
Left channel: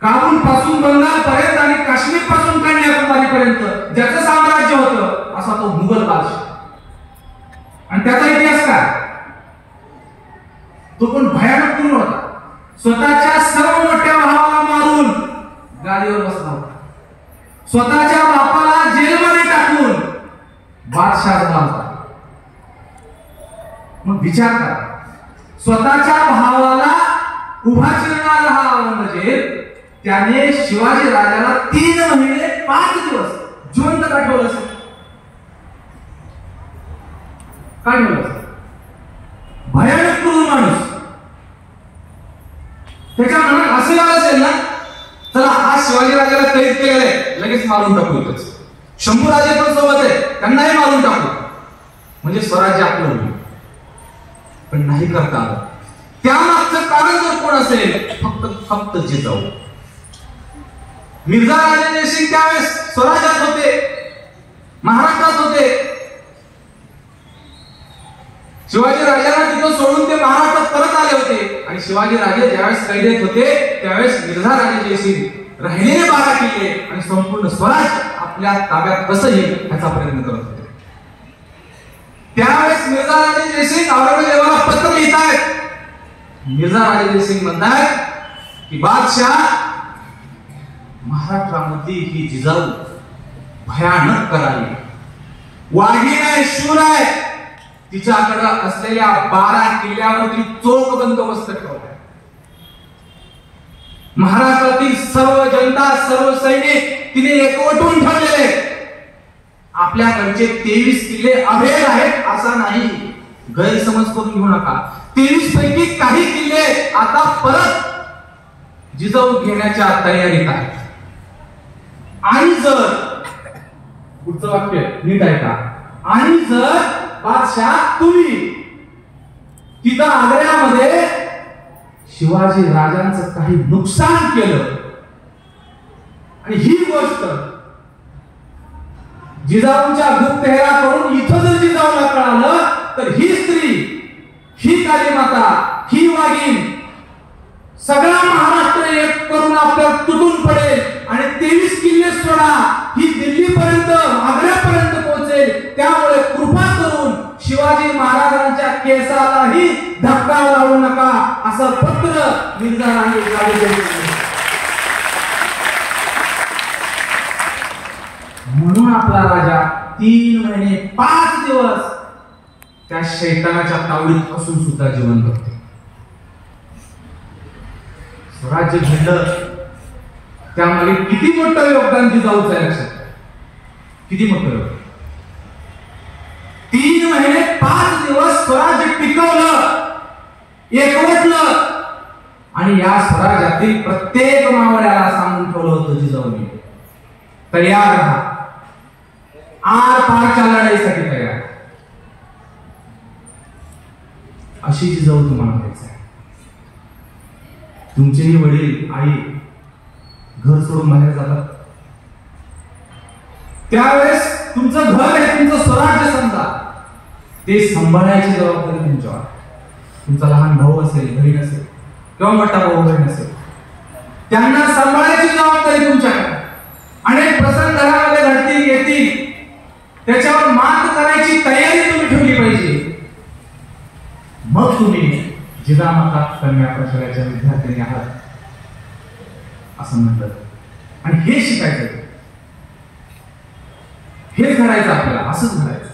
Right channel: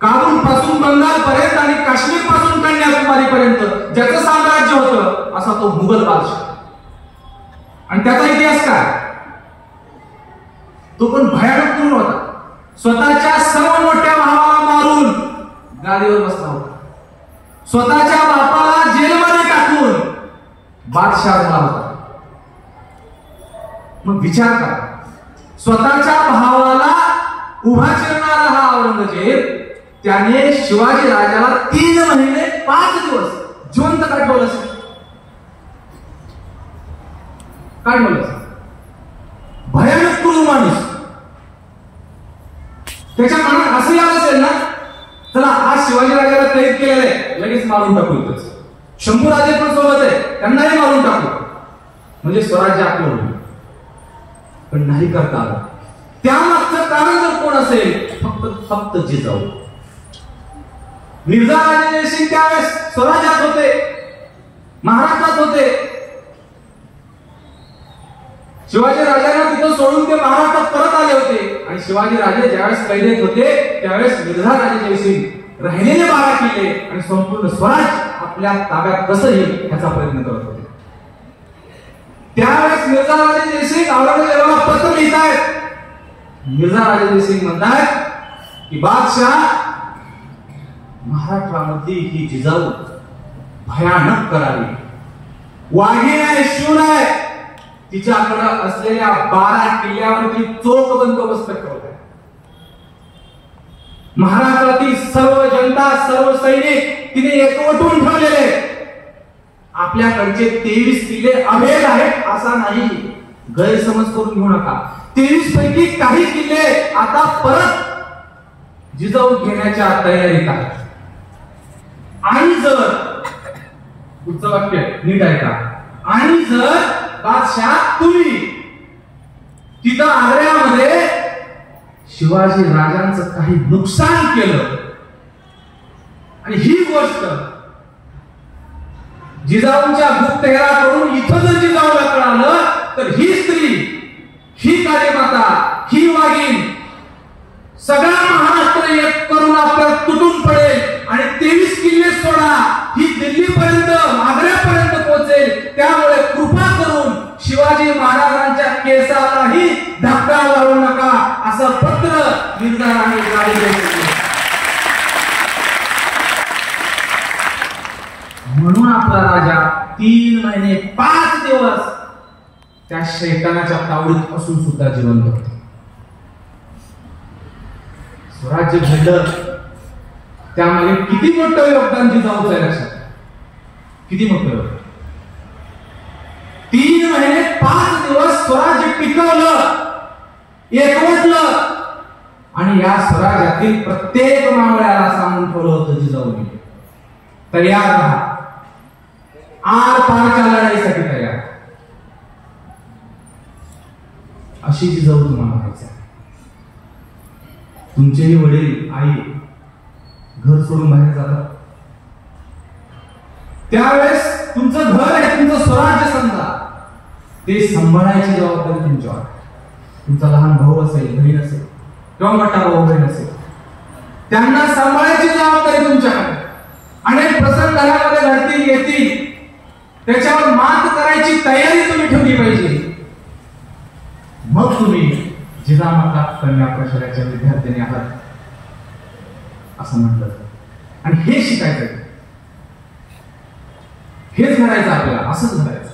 काबूल पासून बंगाल पर्यंत आणि काश्मीर पासून कन्याकुमारी पर्यंत ज्याचं साम्राज्य होतं असा तो मुघल बादशाह. आणि त्याचा इतिहास काय? तो पण भयानक क्रूर होता. स्वतःच्या सर्व मोठ्या भावाला मारून गादीवर बसला होता. स्वतःच्या बापाला जेलमध्ये टाकून बादशाह झाला होता. मग विचार करा, स्वतःच्या भावाला उभा चिरणारा हा औरंगजेब त्याने शिवाजी राजाला 3 महिने 5 दिवस जिवंत का ठेवलं असेल? काय ठेवलं असेल? भयानक क्रूर माणूस. त्याच्या मनात असं आलं असेल ना, चला आज शिवाजी राजाला कैद केलेलं लगेच मारून टाकू. इथंच शंभूराजे पण सोबत आहे, त्यांनाही मारून टाकू म्हणजे स्वराज्य आपलं होईल. पण नाही करता आलं. त्यामागचं कारण जर कोण असेल, फक्त जिजाऊ. मिर्झा राजे जयसिंग त्यावेळेस स्वराज्यात होते, महाराष्ट्रात होते. शिवाजी राजांना तिथं सोडून ते महाराष्ट्रात परत आले होते. आणि शिवाजी राजे ज्यावेळेस कैदेत होते त्यावेळेस मिर्झा राजे जयसिंग राहिलेले 12 किल्ले आणि संपूर्ण स्वराज्य आपल्या ताब्यात कसं येईल याचा प्रयत्न करत होते. त्यावेळेस मिर्झा राजे जयसिंग औरंगजेबाला पत्र लिहितायत. मिर्झा राजे जयसिंग म्हणतायत की बादशाह, महाराष्ट्रामध्ये ही जिजाऊ भयानक करावी, वाघीण आहे, शूर आहे. तिच्याकडे असलेल्या 12 किल्ल्यावर ती चोख बंदोबस्त ठेवते. महाराष्ट्रातील सर्व जनता, सर्व सैनिक तिने एकवटून ठेवलेले. आपल्याकडचे 23 किल्ले अभेद आहेत असा नाही, गैरसमज करून घेऊ नका. 23 पैकी काही किल्ले आता परत जिजाऊ घेण्याच्या तयारीत आहेत. आणि जर पुढचं वाक्य नीट ऐका, आणि जर बादशाह तुम्ही तिथं आग्र्यामध्ये शिवाजी राजांचं काही नुकसान केलं आणि ही गोष्ट जिजाऊंच्या गुप्तहेराकडून इथं जर जिजाऊला कळालं तर ही स्त्री, ही कालीमाता, ही वाघीण सगळा महाराष्ट्र एक करून आपल्याला तुटून पडेल आणि 23 किल्ले सोडा ही दिल्लीपर्यंत, आग्र्यापर्यंत पोहोचेल. त्यामुळे कृपा करून शिवाजी महाराजांच्या केसालाही धक्का लावू नका असं पत्र मिर्झा राजे जयसिंग. म्हणून आपला राजा 3 महिने 5 दिवस त्या शैतानाच्या तावडीत असून सुद्धा जिवंत होते. स्वराज्य घडलं त्यामध्ये किती मोठं योगदान जिजाऊचं आहे लक्षात. किती मोठं योगदान. 3 महिने 5 दिवस स्वराज्य टिकवलं, एकवटलं आणि या स्वराज्यातील प्रत्येक मावळ्याला सांगून ठेवलं होतं जिजाऊने, तयार राहा, आर पारच्या लढाईसाठी तयार. अशी जिजाऊ तुम्हाला व्हायचं आहे. तुमचेही वडील, आई घर सोडून बाहेर जातात त्यावेळेस तुमचं घर आहे, तुमचं स्वराज्य समजा, ते सांभाळायची जबाबदारी तुमच्यावर. तुमचा लहान भाऊ असेल, बहीण असेल किंवा मोठा भाऊ बहीण असेल, त्यांना सांभाळायची जबाबदारी तुमच्याकडे. अनेक प्रसंग घरामध्ये घडतील, येतील, त्याच्यावर मात करायची तयारी तुम्ही ठेवली पाहिजे. मग तुम्ही जिजामाता कन्या प्रशालेच्या विद्यार्थ्यांनी आहात असं म्हणतात. आणि हे शिकायचं, हेच घडायचं आपल्याला, असंच घडायचं.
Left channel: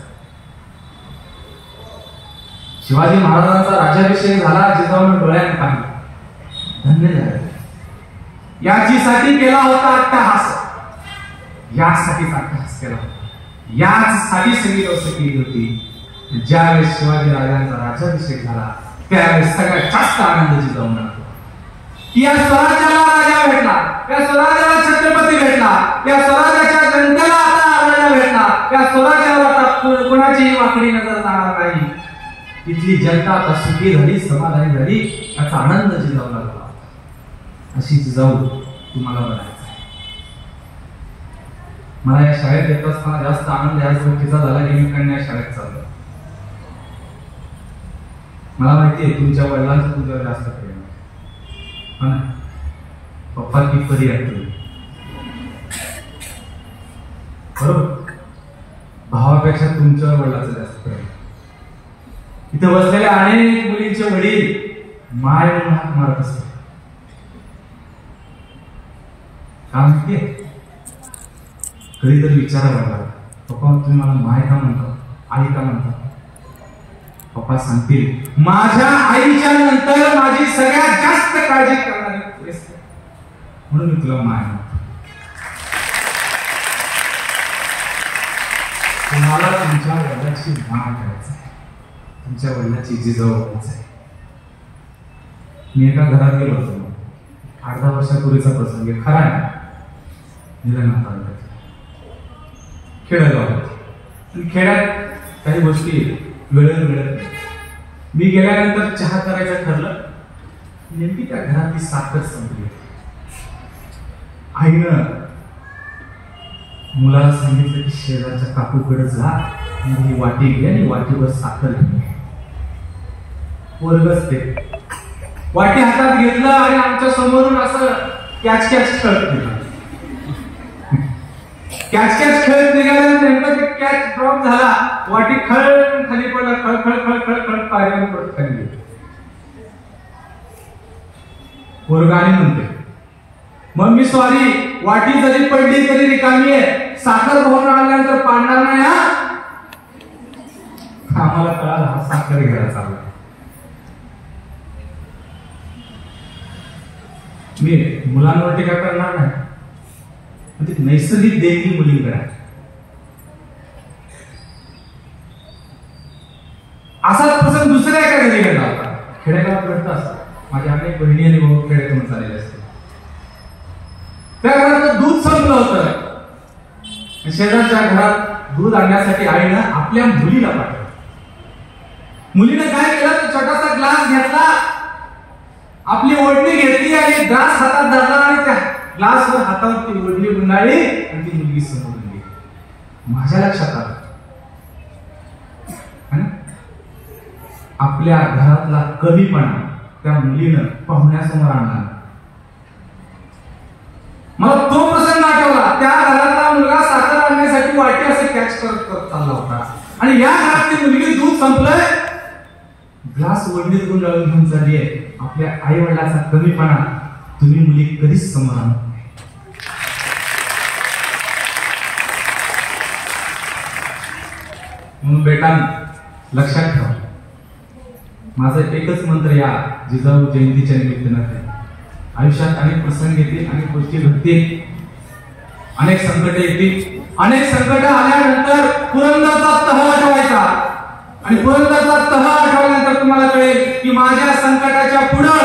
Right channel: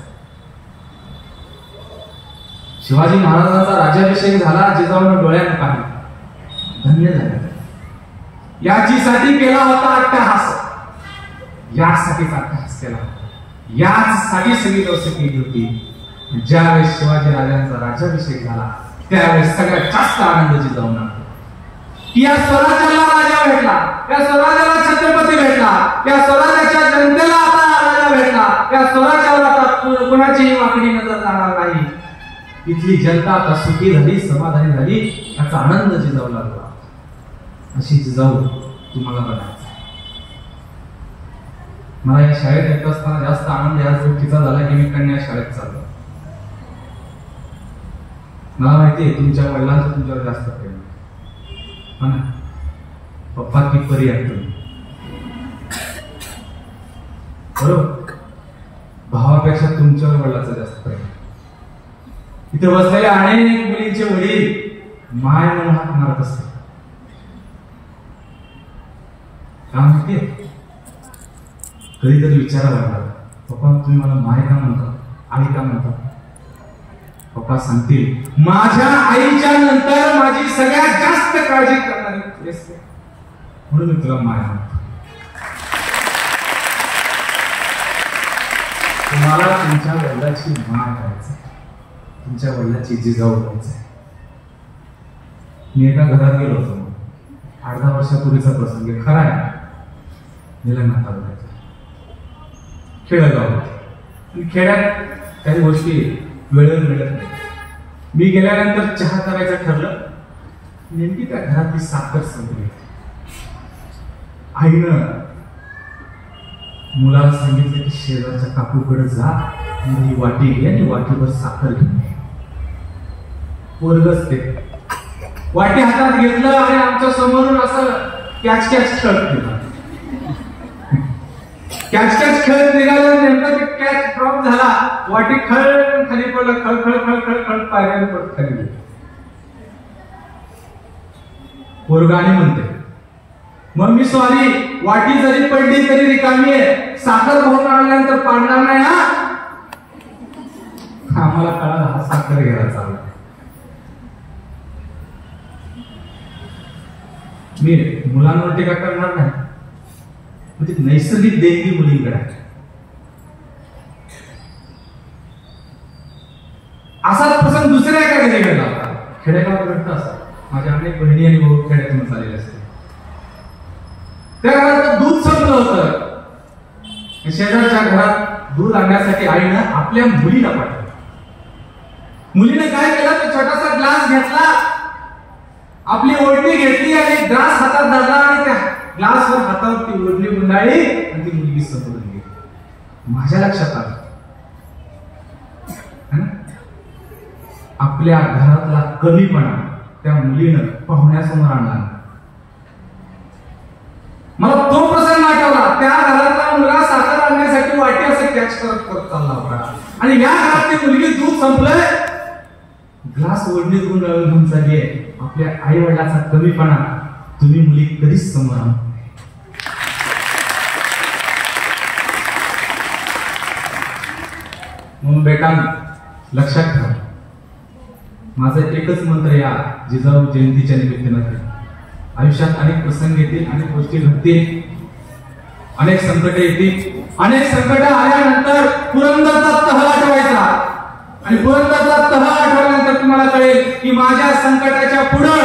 शिवाजी महाराजांचा राज्याभिषेक झाला, जिजाऊने डोळ्याने पाहिलं, धन्य झाले. याचीसाठी केला होता अट्टहास, यासाठी अट्टहास केला. याच साठी सगळी व्यवस्था केली होती. ज्यावेळेस शिवाजी राजांचा राज्याभिषेक झाला त्यावेळेस सगळ्यात जास्त आनंद जिजाऊंना होतो की या स्वराज्याला राजा भेटला, या स्वराज्याला छत्रपती भेटला, या स्वराज्याच्या जनतेला आता राजा भेटला, या स्वराज्याला आता कोणाचीही वाकडी नजर जाणार नाही. इथली जनता आता सुखी झाली, समाधानी झाली, याचा आनंद जिजाऊला झाला. अशी जिजाऊ तुम्हाला बनायचं. मला या शाळेत येत असताना जास्त आनंद याच गोष्टीचा झाला की मी कन्या शाळेत चाललो. मला माहितीये तुमच्या वडिलांचं तुमच्यावर जास्त प्रेम आहे. पप्पा की परी आहे बरोबर. भावापेक्षा तुमच्यावर वडिलांचं जास्त प्रेम. इथे बसलेल्या अनेक मुलींचे वडील माय म्हणून हाक मारत असतात. का माहितीये? कधीतरी विचारा लागला, पप्पा तुम्ही मला माय का म्हणता, आई का म्हणता? पप्पा सांगतील माझ्या आईच्या नंतर माझी सगळ्यात जास्त काळजी करणारी असते म्हणून मी तुला माय म्हणतो. तुम्हाला तुमच्या वडिलांची माय करायचं, तुमच्या वडिलांची जिजाऊ व्हायचं. मी एका घरात गेलो होतो, मग 8-10 वर्षापूर्वीचा प्रसंग आहे, खरा आहे. निलंगा तालुक्यात खेडेगाव होतं. खेड्यात काही गोष्टी वेळेवर मिळत नाही. मी गेल्यानंतर चहा करायचं ठरलं. नेमकी त्या घरात ती साखर संपली. आईनं मुलाला सांगितलं की शेजारच्या काकूकडे जा आणि ही वाटी घे आणि वाटीवर साखर घे. पोरगच ते वाटी हातात घेतलं आणि आमच्या समोरून असं कॅच कॅच खेळत गेला. कॅच कॅच खेळत निघाला. नेमकं ते कॅच ड्रॉप झाला. वाटी खळ खाली पडला. खळ खळ खळ खळ खळ पायऱ्यावर पडत खाली गेली. पोरगाने म्हणते मग मी सॉरी, वाटी जरी पडली तरी रिकामी आहे, साखर भरून आल्यानंतर पाडणार नाही हा. आम्हाला कळाला हा साखर घ्यायला चालला. मी मुलांवर टीका करणार नाही, नैसर्गिक देणगी मुलींकडे. असा प्रसंग दुसऱ्या एका घरी घडला होता. खेडेगावात घडत असतात. माझ्या अनेक बहिणी आणि भाऊ खेड्यातून चालले असते. त्या घरात दूध संपलं होतं. शेजारच्या घरात दूध आणण्यासाठी आईनं आपल्या मुलीला पाठवलं. मुलीने काय केलं, तो छोटासा ग्लास घेतला, आपली ओढणी घेतली आणि ग्लास हातात धरला आणि त्या ग्लासवर हातावर ती ओढणी गुंडाळली आणि ती मुलगी समोर गेली. माझ्या लक्षात आलं आपल्या घरातला कमीपणा त्या मुलीनं पाहुण्यासमोर आणला. मला तो प्रसंग आठवला. त्या घरातला मुलगा साखर आणण्यासाठी वाटी असं कॅच करत करत चालला होता आणि या घरात ती मुलगी दूध संपलंय, ग्लास ओढणीत गुंडाळून घेऊन चालली आहे. आपल्या आई वडिलाचा कमीपणा तुम्ही मुली कधीच समोर आणू. म्हणून बेटांनो लक्षात ठेवा, माझं एकच मंत्र या जिजाऊ जयंतीच्या निमित्तानं. आयुष्यात अनेक प्रसंग येतील, अनेक गोष्टी घडतील, अनेक संकट येतील. अनेक संकट आल्यानंतर पुरंदरचा तह आठवायचा आणि पुरंदरचा तह आठवल्यानंतर तुम्हाला कळेल की माझ्या संकटाच्या पुढं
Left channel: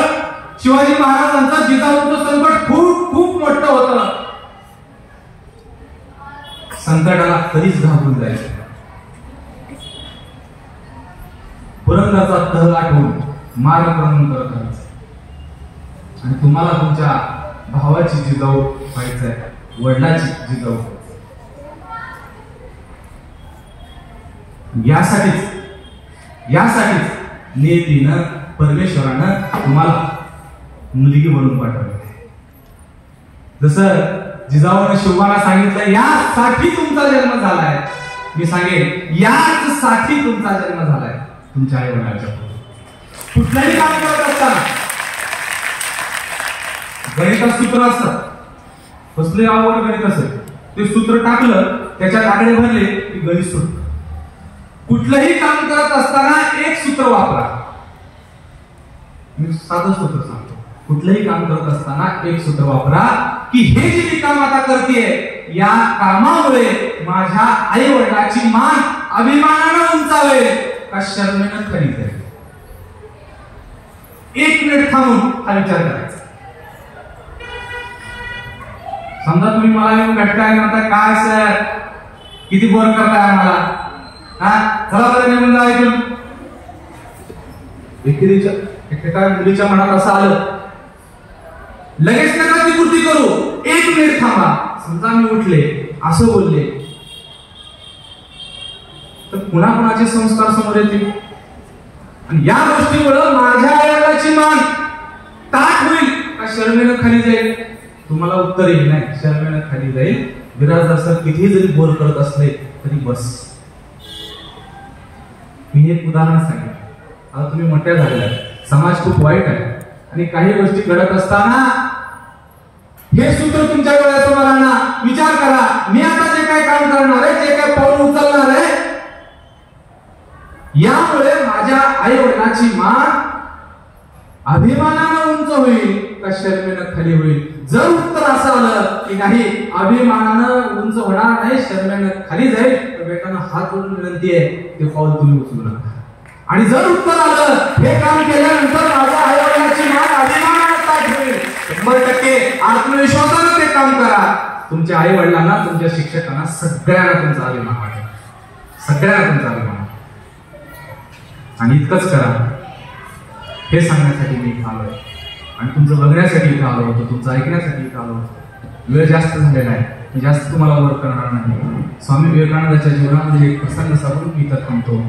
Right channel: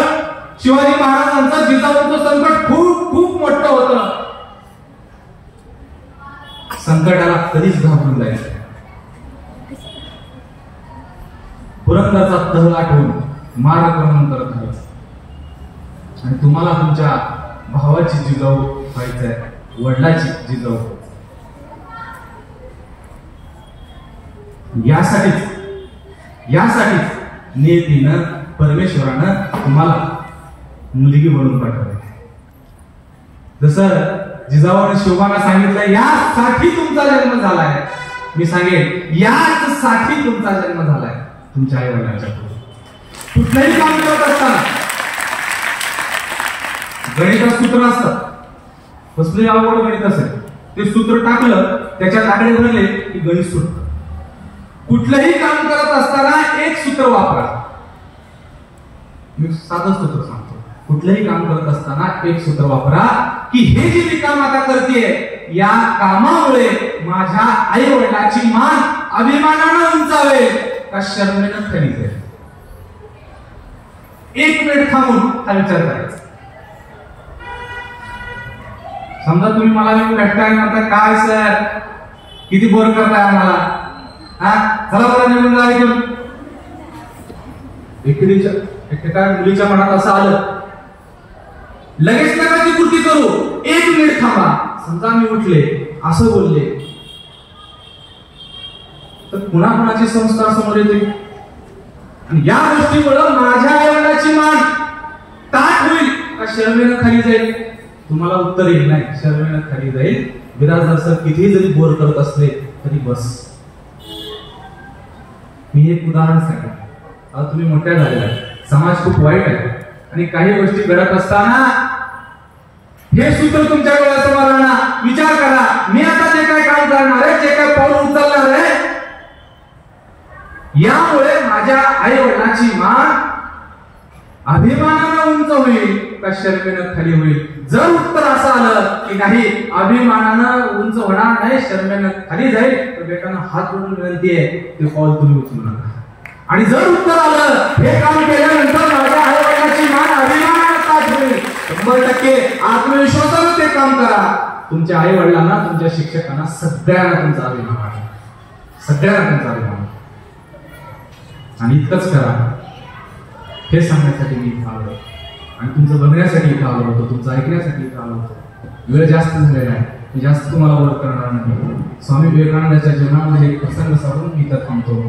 शिवाजी महाराजांचं जिजाऊचं संकट खूप खूप मोठं होतं. संकटाला कधीच घाबरून जायचं. पुरंदरचा तह आठवून मार्गक्रमण करत राहायचं आणि तुम्हाला तुमच्या भावाची जिजाऊ व्हायचंय, वडिलाची जिजाऊ. यासाठीच नियतीनं परमेश्वरानं तुम्हाला मुलगी म्हणून पाठवलं. जसं जिजाऊने शिवबाला सांगितलं यासाठी तुमचा जन्म झालाय, मी सांगेन यासाठी तुमचा जन्म झालाय. तुमच्या आई वडिलांच्या कुठलंही काम करत असताना गणितात सूत्र असतात. कसले आवड गणित असेल ते सूत्र टाकलं, त्याच्यात आकडे भरले की गणित सुटत. कुठलंही काम करत असताना एक सूत्र वापरा. मी साधं सूत्र सांगतो. कुठलंही काम करत असताना एक सूत्र वापरा की हे जे मी काम आता करतेय या कामामुळे माझ्या आई वडिलांची मान अभिमानानं उंचावेल का शर्मेनं खाली जाईल? एक मिनिट थांबून हा विचार करायचा. समजा तुम्ही मला येऊन भेटताय म्हणता, काय सर किती बोर करताय आम्हाला, हा चला बरं निघून जा ऐकून. एका मुलीच्या मनात असं आलं, लगेच नका ती कृती करू, एक मिनिट थांबा. समजा मी उठले असं बोलले तर पुन्हा कुणाचे संस्कार समोर येतील आणि या गोष्टीमुळे माझ्या आईवडिलांची मान ताट होईल का शर्मेनं खाली जाईल? तुम्हाला उत्तर येईल नाही, शर्मेनं खाली जाईल. बिराजदार सर कितीही जरी बोर करत असले तरी बस. मी एक उदाहरण सांगितलं. आता तुम्ही मोठ्या झालेल्या, समाज खूप वाईट आहे आणि काही गोष्टी घडत असताना हे सूत्र तुमच्या डोळ्यासमोर आणा, विचार करा, मी आता जे काय काम करणार आहे, जे काय पाऊल उचलणार आहे, यामुळे माझ्या आई वडिलांची मान अभिमानानं उंच होईल का शर्मेनं खाली होईल? जर उत्तर असं आलं की नाही, अभिमानानं उंच होणार नाही, शर्मेनं खाली जाईल, तर बेटांना हात जोडून विनंती आहे, ते पाऊल तुम्ही उचलू नका. आणि जर उत्तर आलं हे काम केल्यानंतर माझ्या आई वडिलांची मान अभिमानानं ताट होईल, 100% आत्मविश्वासानं ते काम करा. तुमच्या आई वडिलांना, तुमच्या शिक्षकांना, सगळ्यांना तुमचा अभिमान वाटेल, सगळ्यांना तुमचा अभिमान. आणि इतकंच करा हे सांगण्यासाठी मी इथं आलो आणि तुमचं बघण्यासाठी इथं आलो होतो, तुमचं ऐकण्यासाठी इथं आलो होतो. वेळ जास्त झालेला आहे, मी जास्त तुम्हाला वर करणार नाही. स्वामी विवेकानंदांच्या जीवनामध्ये एक प्रसंग सांगून मी इथं थांबतो.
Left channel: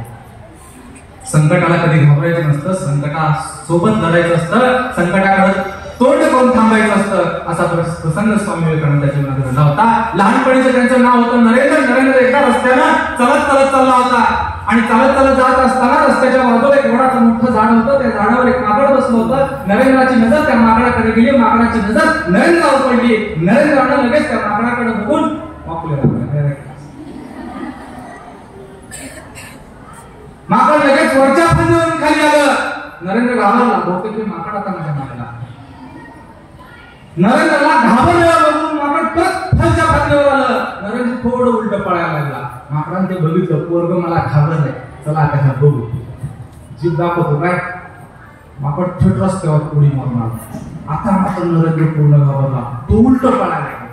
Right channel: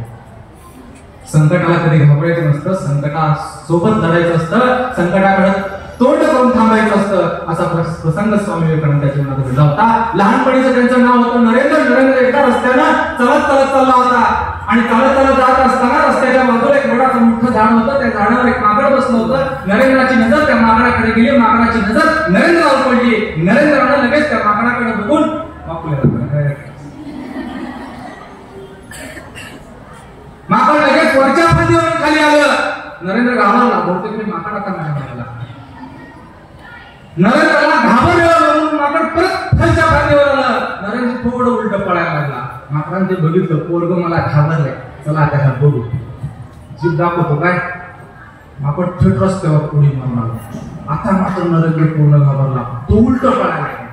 संकटाला कधी घाबरायचं नसतं, संकटासोबत लढायचं असतं, संकटाकडे तोंड करून थांबायचं असतं. असा प्रसंग स्वामी विवेकानंदांच्या जीवनात घडला होता. लहानपणीचं त्यांचं नाव होतं नरेंद्र. नरेंद्र एका रस्त्यानं चालत चालला होता आणि चालत जात असताना रस्त्याच्या बाजूला एक मोठाचं मोठं झाड होतं. त्या झाडावर एक माकड बसलं होतं. नरेंद्राची नजर त्या माकडाकडे गेली, माकडाची नजर नरेंद्रावर पडली. नरेंद्रानं लगेच त्या माकडाकडे बघून माकड लगेच वरच्या फांदीवरून खाली आलं. नरेंद्र घाबरला, बहुतेक मी माकड आता माझ्या मागला. नरेंद्रला घाबरलेला बघून माकड परत खालच्या फांदीवर आलं. नरेंद्र थोडं उलट पळायला लागला. माकडाने ते बघितलं, पोरग मला घाबरलंय, चला आता ह्या बघू. जीभ दाखवतो काय, माकड थेट रस्त्यावर उडी मारून आला. आता मात्र नरेंद्र पूर्ण घाबरला, तो उलट पळायला लागला.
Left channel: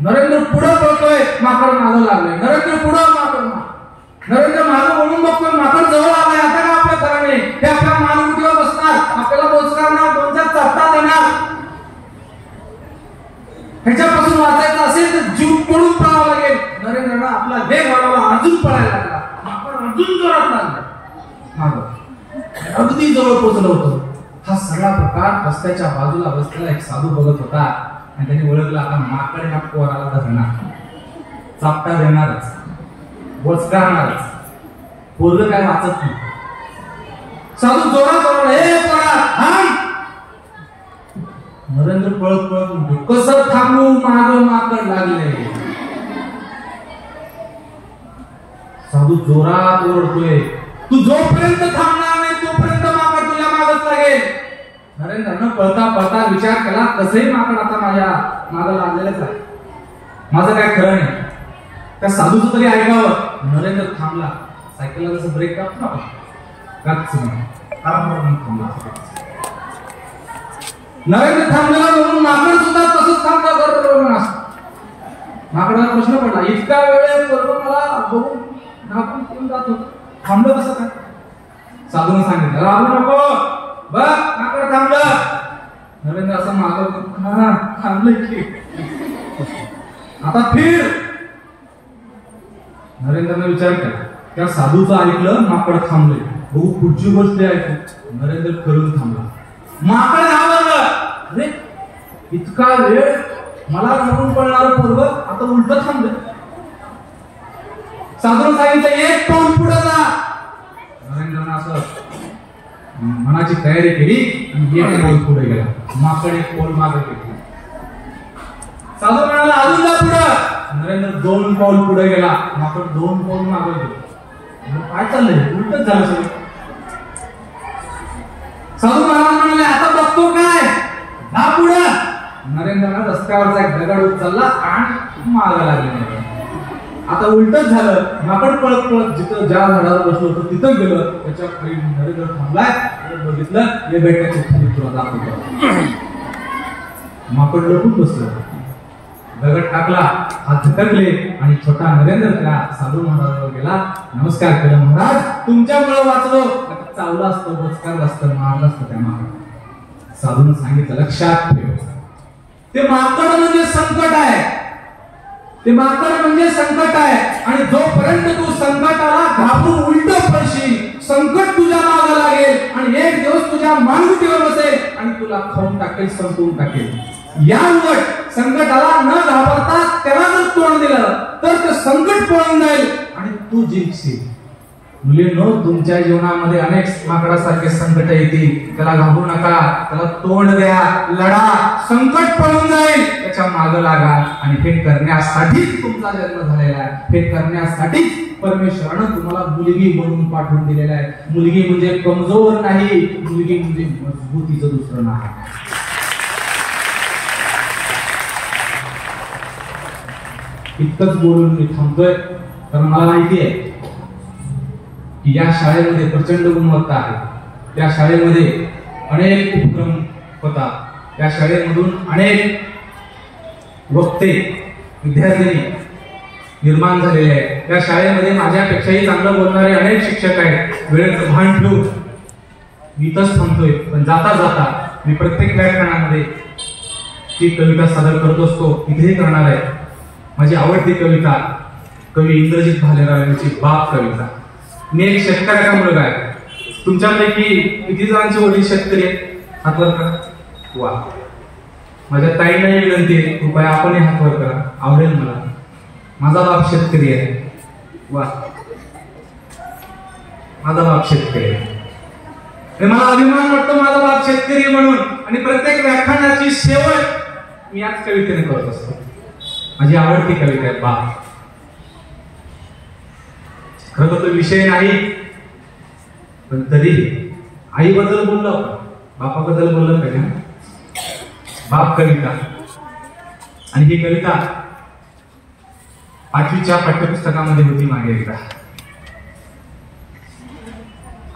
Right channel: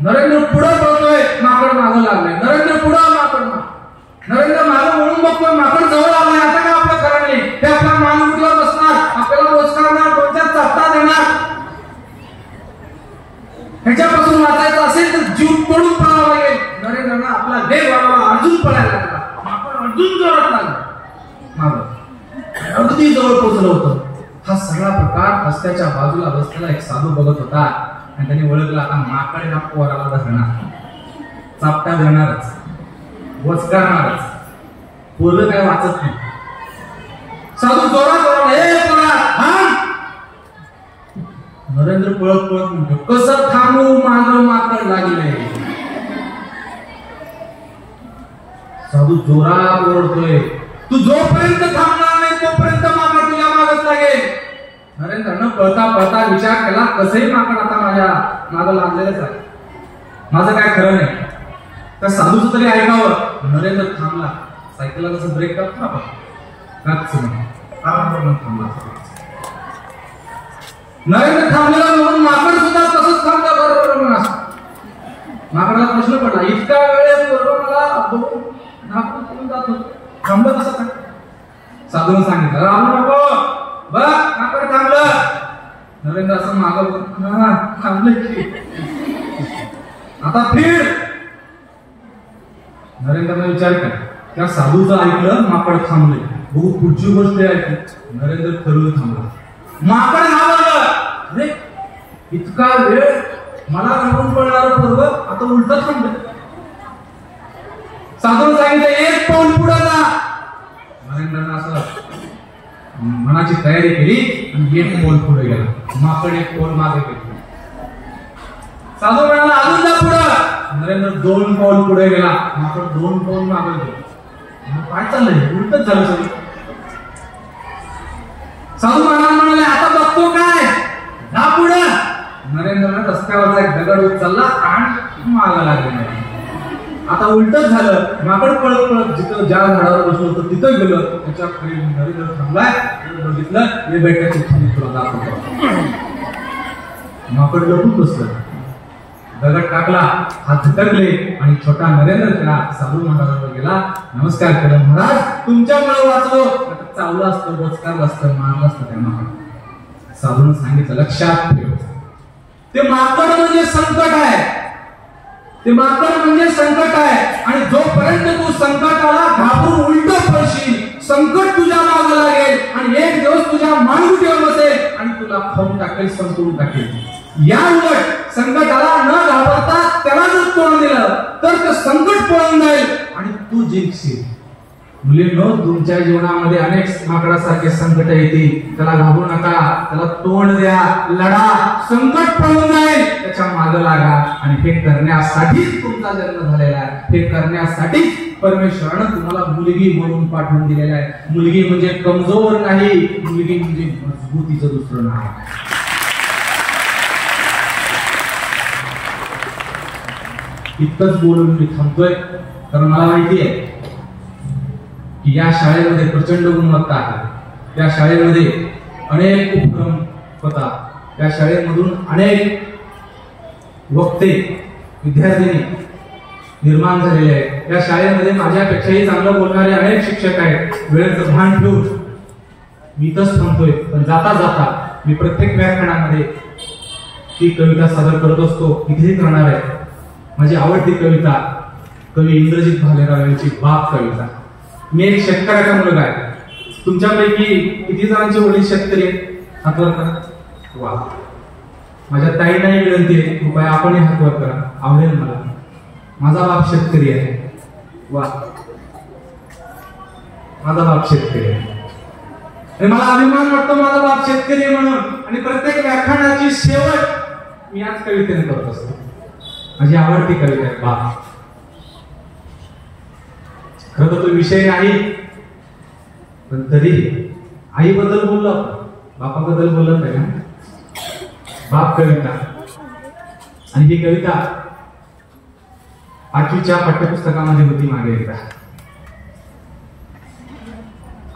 नरेंद्र पुढे पळतोय, माकड मागं लागलाय. नरेंद्र पुढं, माकड माग. नरेंद्र मागं म्हणून बघतोय, माकड जवळ आलाय. आता काय आपलं खरं नाही, ते आपल्या मानवतीवर बसणार, आपल्याला बोचकारणार, 2-4 चपटा देणार. ह्याच्यापासून वाचायचं असेल तर जीव पळून पळावं लागेल. नरेंद्रनं आपला देह वाढवला, अजून पळायला लागला. माकड अजून जोरात लागला, मागं अगदी जवळ पोहोचलं होतं. हा सगळा प्रकार रस्त्याच्या बाजूला बसलेला एक साधू बघत होता आणि त्यांनी ओळखला, आता माकड हा पोराला धरणार, चापटा देणारच, वचकारणारच. पोरं काय वाचत नाही. साधू जोरात ओरडला, ए पोरा थांब. नरेंद्र पळत पळत म्हणतो, कसं थांबू, मागं माकड लागले. साधू जोरात ओरडतोय, तू जोपर्यंत थांबणार नाही तोपर्यंत माकड तुझ्या मागच लागेल. नरेंद्रनं पळता पळता विचार केला, कसंही माकड आता माझ्या मागं लागलेलंच आहे, माझं काय खरं नाही. त्या साधूचं तरी ऐकावं. नरेंद्र थांबला. सायकलला जसं ब्रेक टाकतो ना आपण, आरामावर थांबला. नरेंद्र थांबलेला म्हणून माकड सुद्धा तसंच थांबता. बरोबर माकडाला प्रश्न पडला, इतका वेळ बरोबर मला बघून घाबरून पळून जात होतं, थांबलं कसं काय? साधूनं सांगितलं, राहू नको, बघ माकड थांबलं. नरेंद्र असं मागं थांबलं की आता फिर. नरेंद्रने विचार केला, त्या साधूचं ऐकलं, माकड थांबले. बघू पुढची गोष्ट ऐकू. नरेंद्र खरं थांबला. माकड घाबरलं, अरे इतका वेळ मला घाबरून पडणारं पोरग आता उलट थांबलं. साधून सांगितलं, एक पाऊल पुढे जा. नरेंद्रनं असं मनाची तयारी केली आणि एक पाऊल पुढे गेला. माकड एक पाऊल मागे गेला. साधू म्हणाला, अजून जा पुढं. नरेंद्र 2 पाऊल पुढे गेला. माकड 2 पाऊल मागे गेला. काय चाललंय, उलटच झालं सगळं. साधू महाराज म्हणाले, आता बघतो काय, जा पुढं. नरेंद्रला रस्त्यावरचा एक दगड उचलला आणि मागा लागले नाही. आता उलटच झालं. माकड पळत पळत जिथं ज्या झाडावर बसलो होतं तिथं गेलं. त्याच्या खाली नरेंद्र थांबलाय. बघितलं हे बेटाची खाली तुला दाखवतो. माकड लपून बसलं. दगड टाकला, हात झटकले आणि छोटा नरेंद्र त्या साधू महाराजांवर गेला. नमस्कार केलं. महाराज तुमच्यामुळे वाचलो. आता चावलं असतं, बोचकारलं असतं, मारलं असतं त्या माकड. साधून सांगितलं लक्षात ठेव, ते माकड म्हणजे संकट आहे. ते माकड म्हणजे संकट आहे. आणि जोपर्यंत तू संकटाला घाबरून उलट पडशील, संकट तुझ्या मागे लागेल आणि एक दिवस तुझ्या मानगुटीवर बसेल आणि तुला खाऊन टाकेल, संपवून टाकेल. या उलट संकटाला न घाबरता त्याला जर तोंड दिलं तर ते संकट पळून जाईल आणि तू जिंकशील. मुलींनो, तुमच्या जीवनामध्ये अनेक माकडासारखे संकट येतील. त्याला घाबरू नका, त्याला तोंड द्या, लढा. संकट पळून जाईल, त्याच्या मागे लागा. आणि हे करण्यासाठीच तुमचा जन्म झालेला आहे. हे करण्यासाठीच परमेश्वरानं तुम्हाला मुलगी म्हणून पाठवून दिलेला आहे. मुलगी म्हणजे कमजोर नाही, मुलगी म्हणजे मजबूतीचं दुसरं नाव. इतकंच बोलून मी थांबतोय, कारण मला माहिती आहे की या शाळेमध्ये प्रचंड गुणवत्ता आहे. या शाळेमध्ये अनेक उपक्रम होतात. या शाळेमधून अनेक वक्ते, विद्यार्थी निर्माण झालेले आहेत. या शाळेमध्ये माझ्यापेक्षाही चांगलं बोलणारे अनेक शिक्षक आहेत. वेळेचं भान ठेवून मी इथंच थांबतोय. पण जाता जाता मी प्रत्येक व्याख्यानामध्ये ती कविता सादर करत असतो. इथेही करणार आहे. माझी आवडती कविता कवी इंद्रजित भालेराव यांची बाप कविता. मी एक शेतकऱ्याचा मुलगा आहे. तुमच्यापैकी किती जणांचे वडील शेतकरी आहेत? हातवर करा. वा. माझ्या ताईंनाही विनंती आहे, कृपया आपणही हातवर करा, आवडेल मला. माझा बाप शेतकरी आहे. वा. माझा बाप शेतकरी आहे. मला अभिमान वाटतो माझा बाप शेतकरी म्हणून. आणि प्रत्येक व्याख्यानाची शेवट मी याच कवितेने करत असतो. माझी आवडती कविता आहे बाप. खरं तर तो विषय नाही, पण तरी आईबद्दल बोललो, बापाबद्दल बोललं पाहिजे ना. बाप कविता. आणि ही कविता 5वीच्या पाठ्यपुस्तकामध्ये होती मागे एकदा.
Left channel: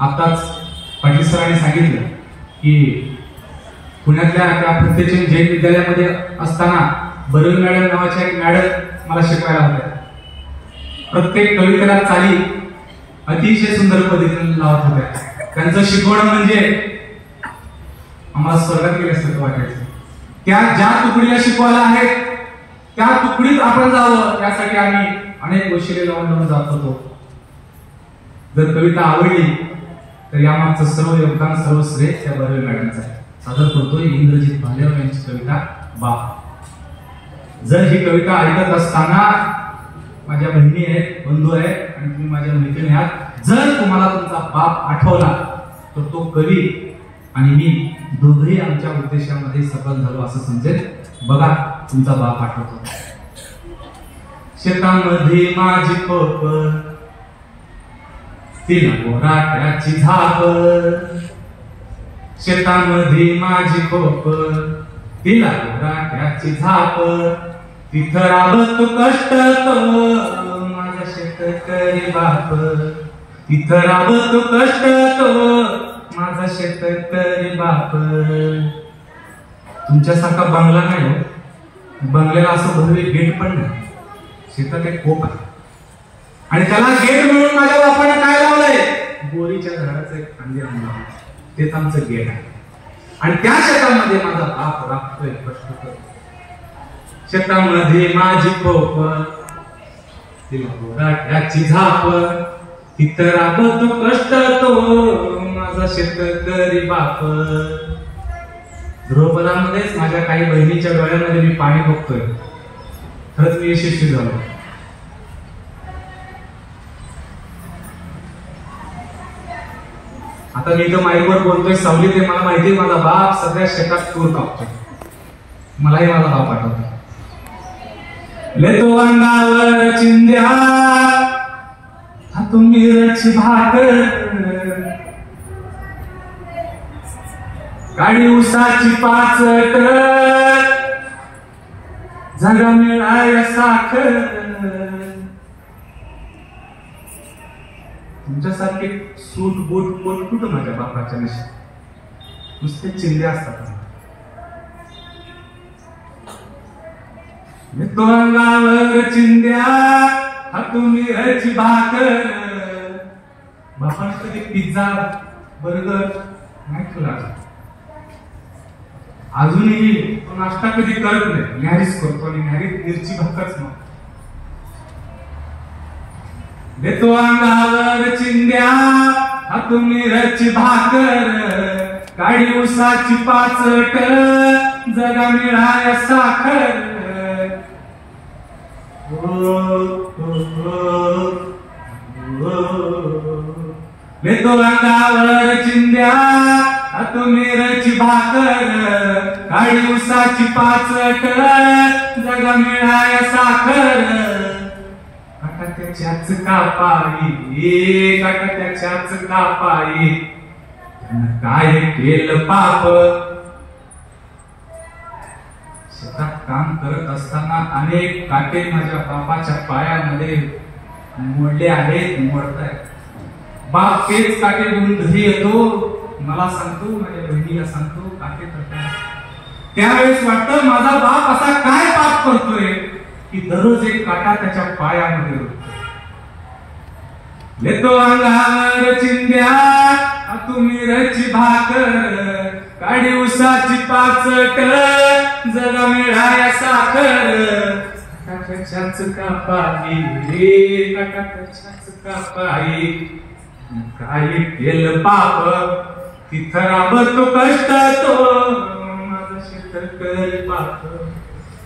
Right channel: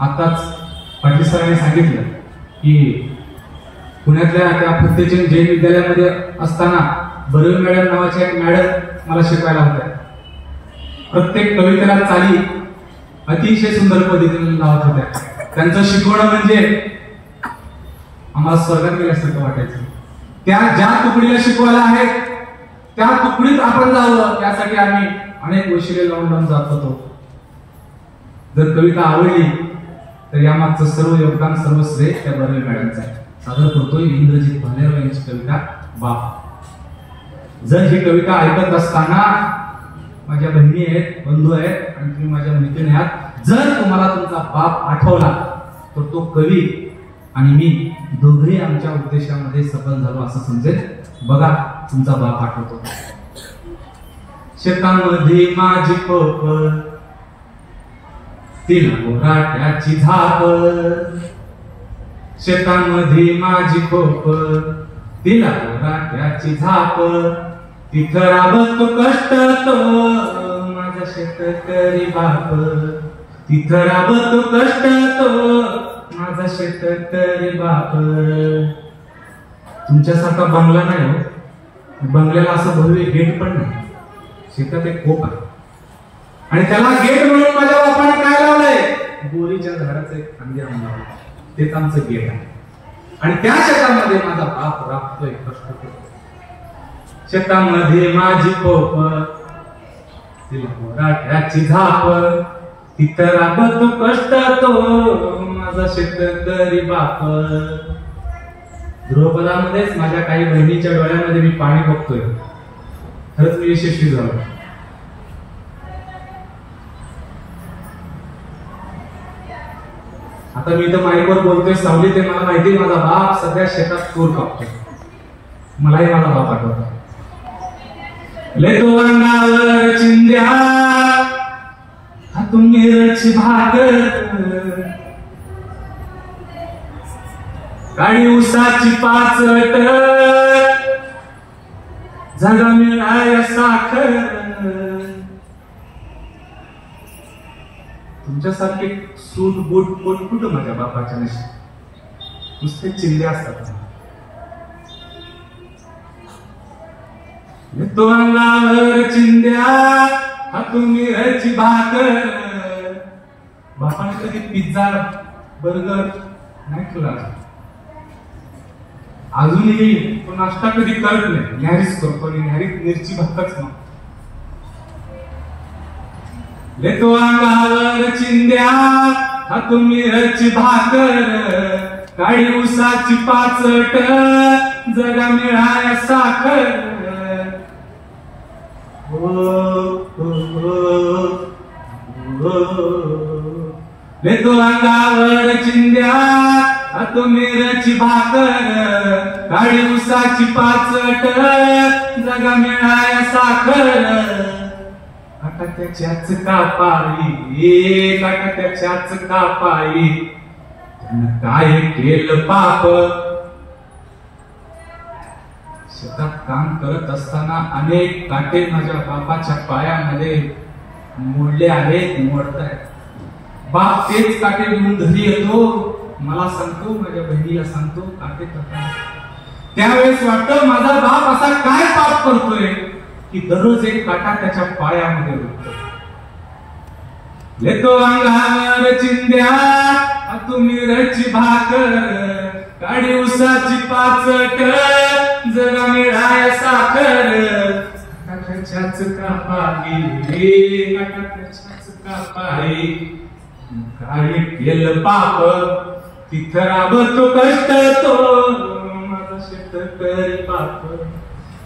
आताच पाटील सरांनी सांगितलं की पुण्यातल्या त्या फुलतेजन जैन विद्यालयामध्ये असताना बर्वे मॅडम नावाच्या एक मॅडम मला शिकवायला होत्या. प्रत्येक कवितेला चाली अतिशय सुंदर पद्धतीने लावत होत्या. त्यांचं शिकवणं म्हणजे आम्हाला स्वर्गात गेल्यासारखं वाटायचं. त्या ज्या तुकडीला शिकवायला आहेत त्या तुकडीत आपण जावं, त्यासाठी आम्ही अनेक वशिले लावून जात होतो. जर कविता आवडली तर यामागचं सर्व योगदान, सर्व श्रेय त्या बर्वे मॅडमचं आहे. सादर करतोय इंद्रजित भालेराव यांची कविता बाप. जर ही कविता ऐकत असताना माझ्या बहिणी आहेत, बंधू आहेत आणि तुम्ही माझ्या मैत्रिणी आहात, जर तुम्हाला तुमचा बाप आठवला तर तो कवी आणि मी दोघेही आमच्या उद्देशामध्ये सफल झालो असं समजेल. बघा, तुमचा बाप आठवतो. शेतामध्ये माझी पोप, तिला गोराट्याची झाप. शेतामध्ये माझी पोप, तिला गोराट्याची झाप. तिथं राबतो कष्ट तो माझा शेतकरी बाप. तिथं राबतो कष्ट तो माझा शेतकरी बाप. तुमच्यासारखा बंगला नाही हो. बंगल्याला असं भव्य गेट पण नाही. शेतात एक कोप आहे आणि त्याला गेट म्हणून माझ्या बापाने काय लावलंय? बोरीच्या झाडाचं एक फांदी आणून लावलं. तेच आमचं गेट आहे. आणि त्या शेतामध्ये माझा बाप राबतोय, कष्ट करतोय. शेतामध्ये माझी खोप, तिला गोराट्याची झाप. तिथं राबतो कष्ट तो माझा शेतकरी बाप. ध्रुवपदामध्येच माझ्या काही बहिणीच्या डोळ्यामध्ये मी पाणी बघतोय. खरंच मी यशस्वी झालो. आता मी इथं माईकवर बोलतोय, सावलीत आहे. मला माहिती माझा बाप सध्या शेतात तूर कापतोय. मलाही माझा बाप आठवतो. लेतो अंगावर चिंध्या, हातून मिरची भाकर. काळी उसाची पाचट, जगा मिळाय साखर. तुमच्यासारखे सूट बूट कोण कुठं माझ्या बापाच्या नशी नुसते चिंधे असतात. येतो अंगावर चिंध्या हातून मिरची भाकर. बापाने कधी पिझ्झा बर्गर नाही तुला अजूनही तो नाश्ता कधी करत नाही. न्यारीच करतो आणि न्यारीत मिरची भाकरच मग. येतो अंगावर चिंध्या हातून मिरची भाकर. काळी उसाची पाचट जगा मिळाय साखर. येतो अंगावर चिंध्या हातून मिरची भाकर. काळी उसाची पाचट जगा मिळाय साखर. काका त्याच्याच कापाई काका त्याच्याच कापाई त्यानं काय केलं पाप. शेतात काम करत असताना अनेक काटे माझ्या बापाच्या पायामध्ये मोडले आहेत मोडतायत. बाप तेच काटे घेऊन घरी येतो मला सांगतो माझ्या बहिणीला सांगतो काटे करतात. त्यावेळेस वाटतं माझा बाप असा काय पाप करतोय की दररोज एक काटा त्याच्या पायामध्ये रुततो. येतो अंगावर चिंध्या हातून मिरची भाकर. काळी उसाची पाचट जगा मिळाय साखर. काकाच्याच कापाई काकाच्याच कापाई काय केलं पाप. तिथं राबतो कष्ट तो माझा शेतकरी बाप.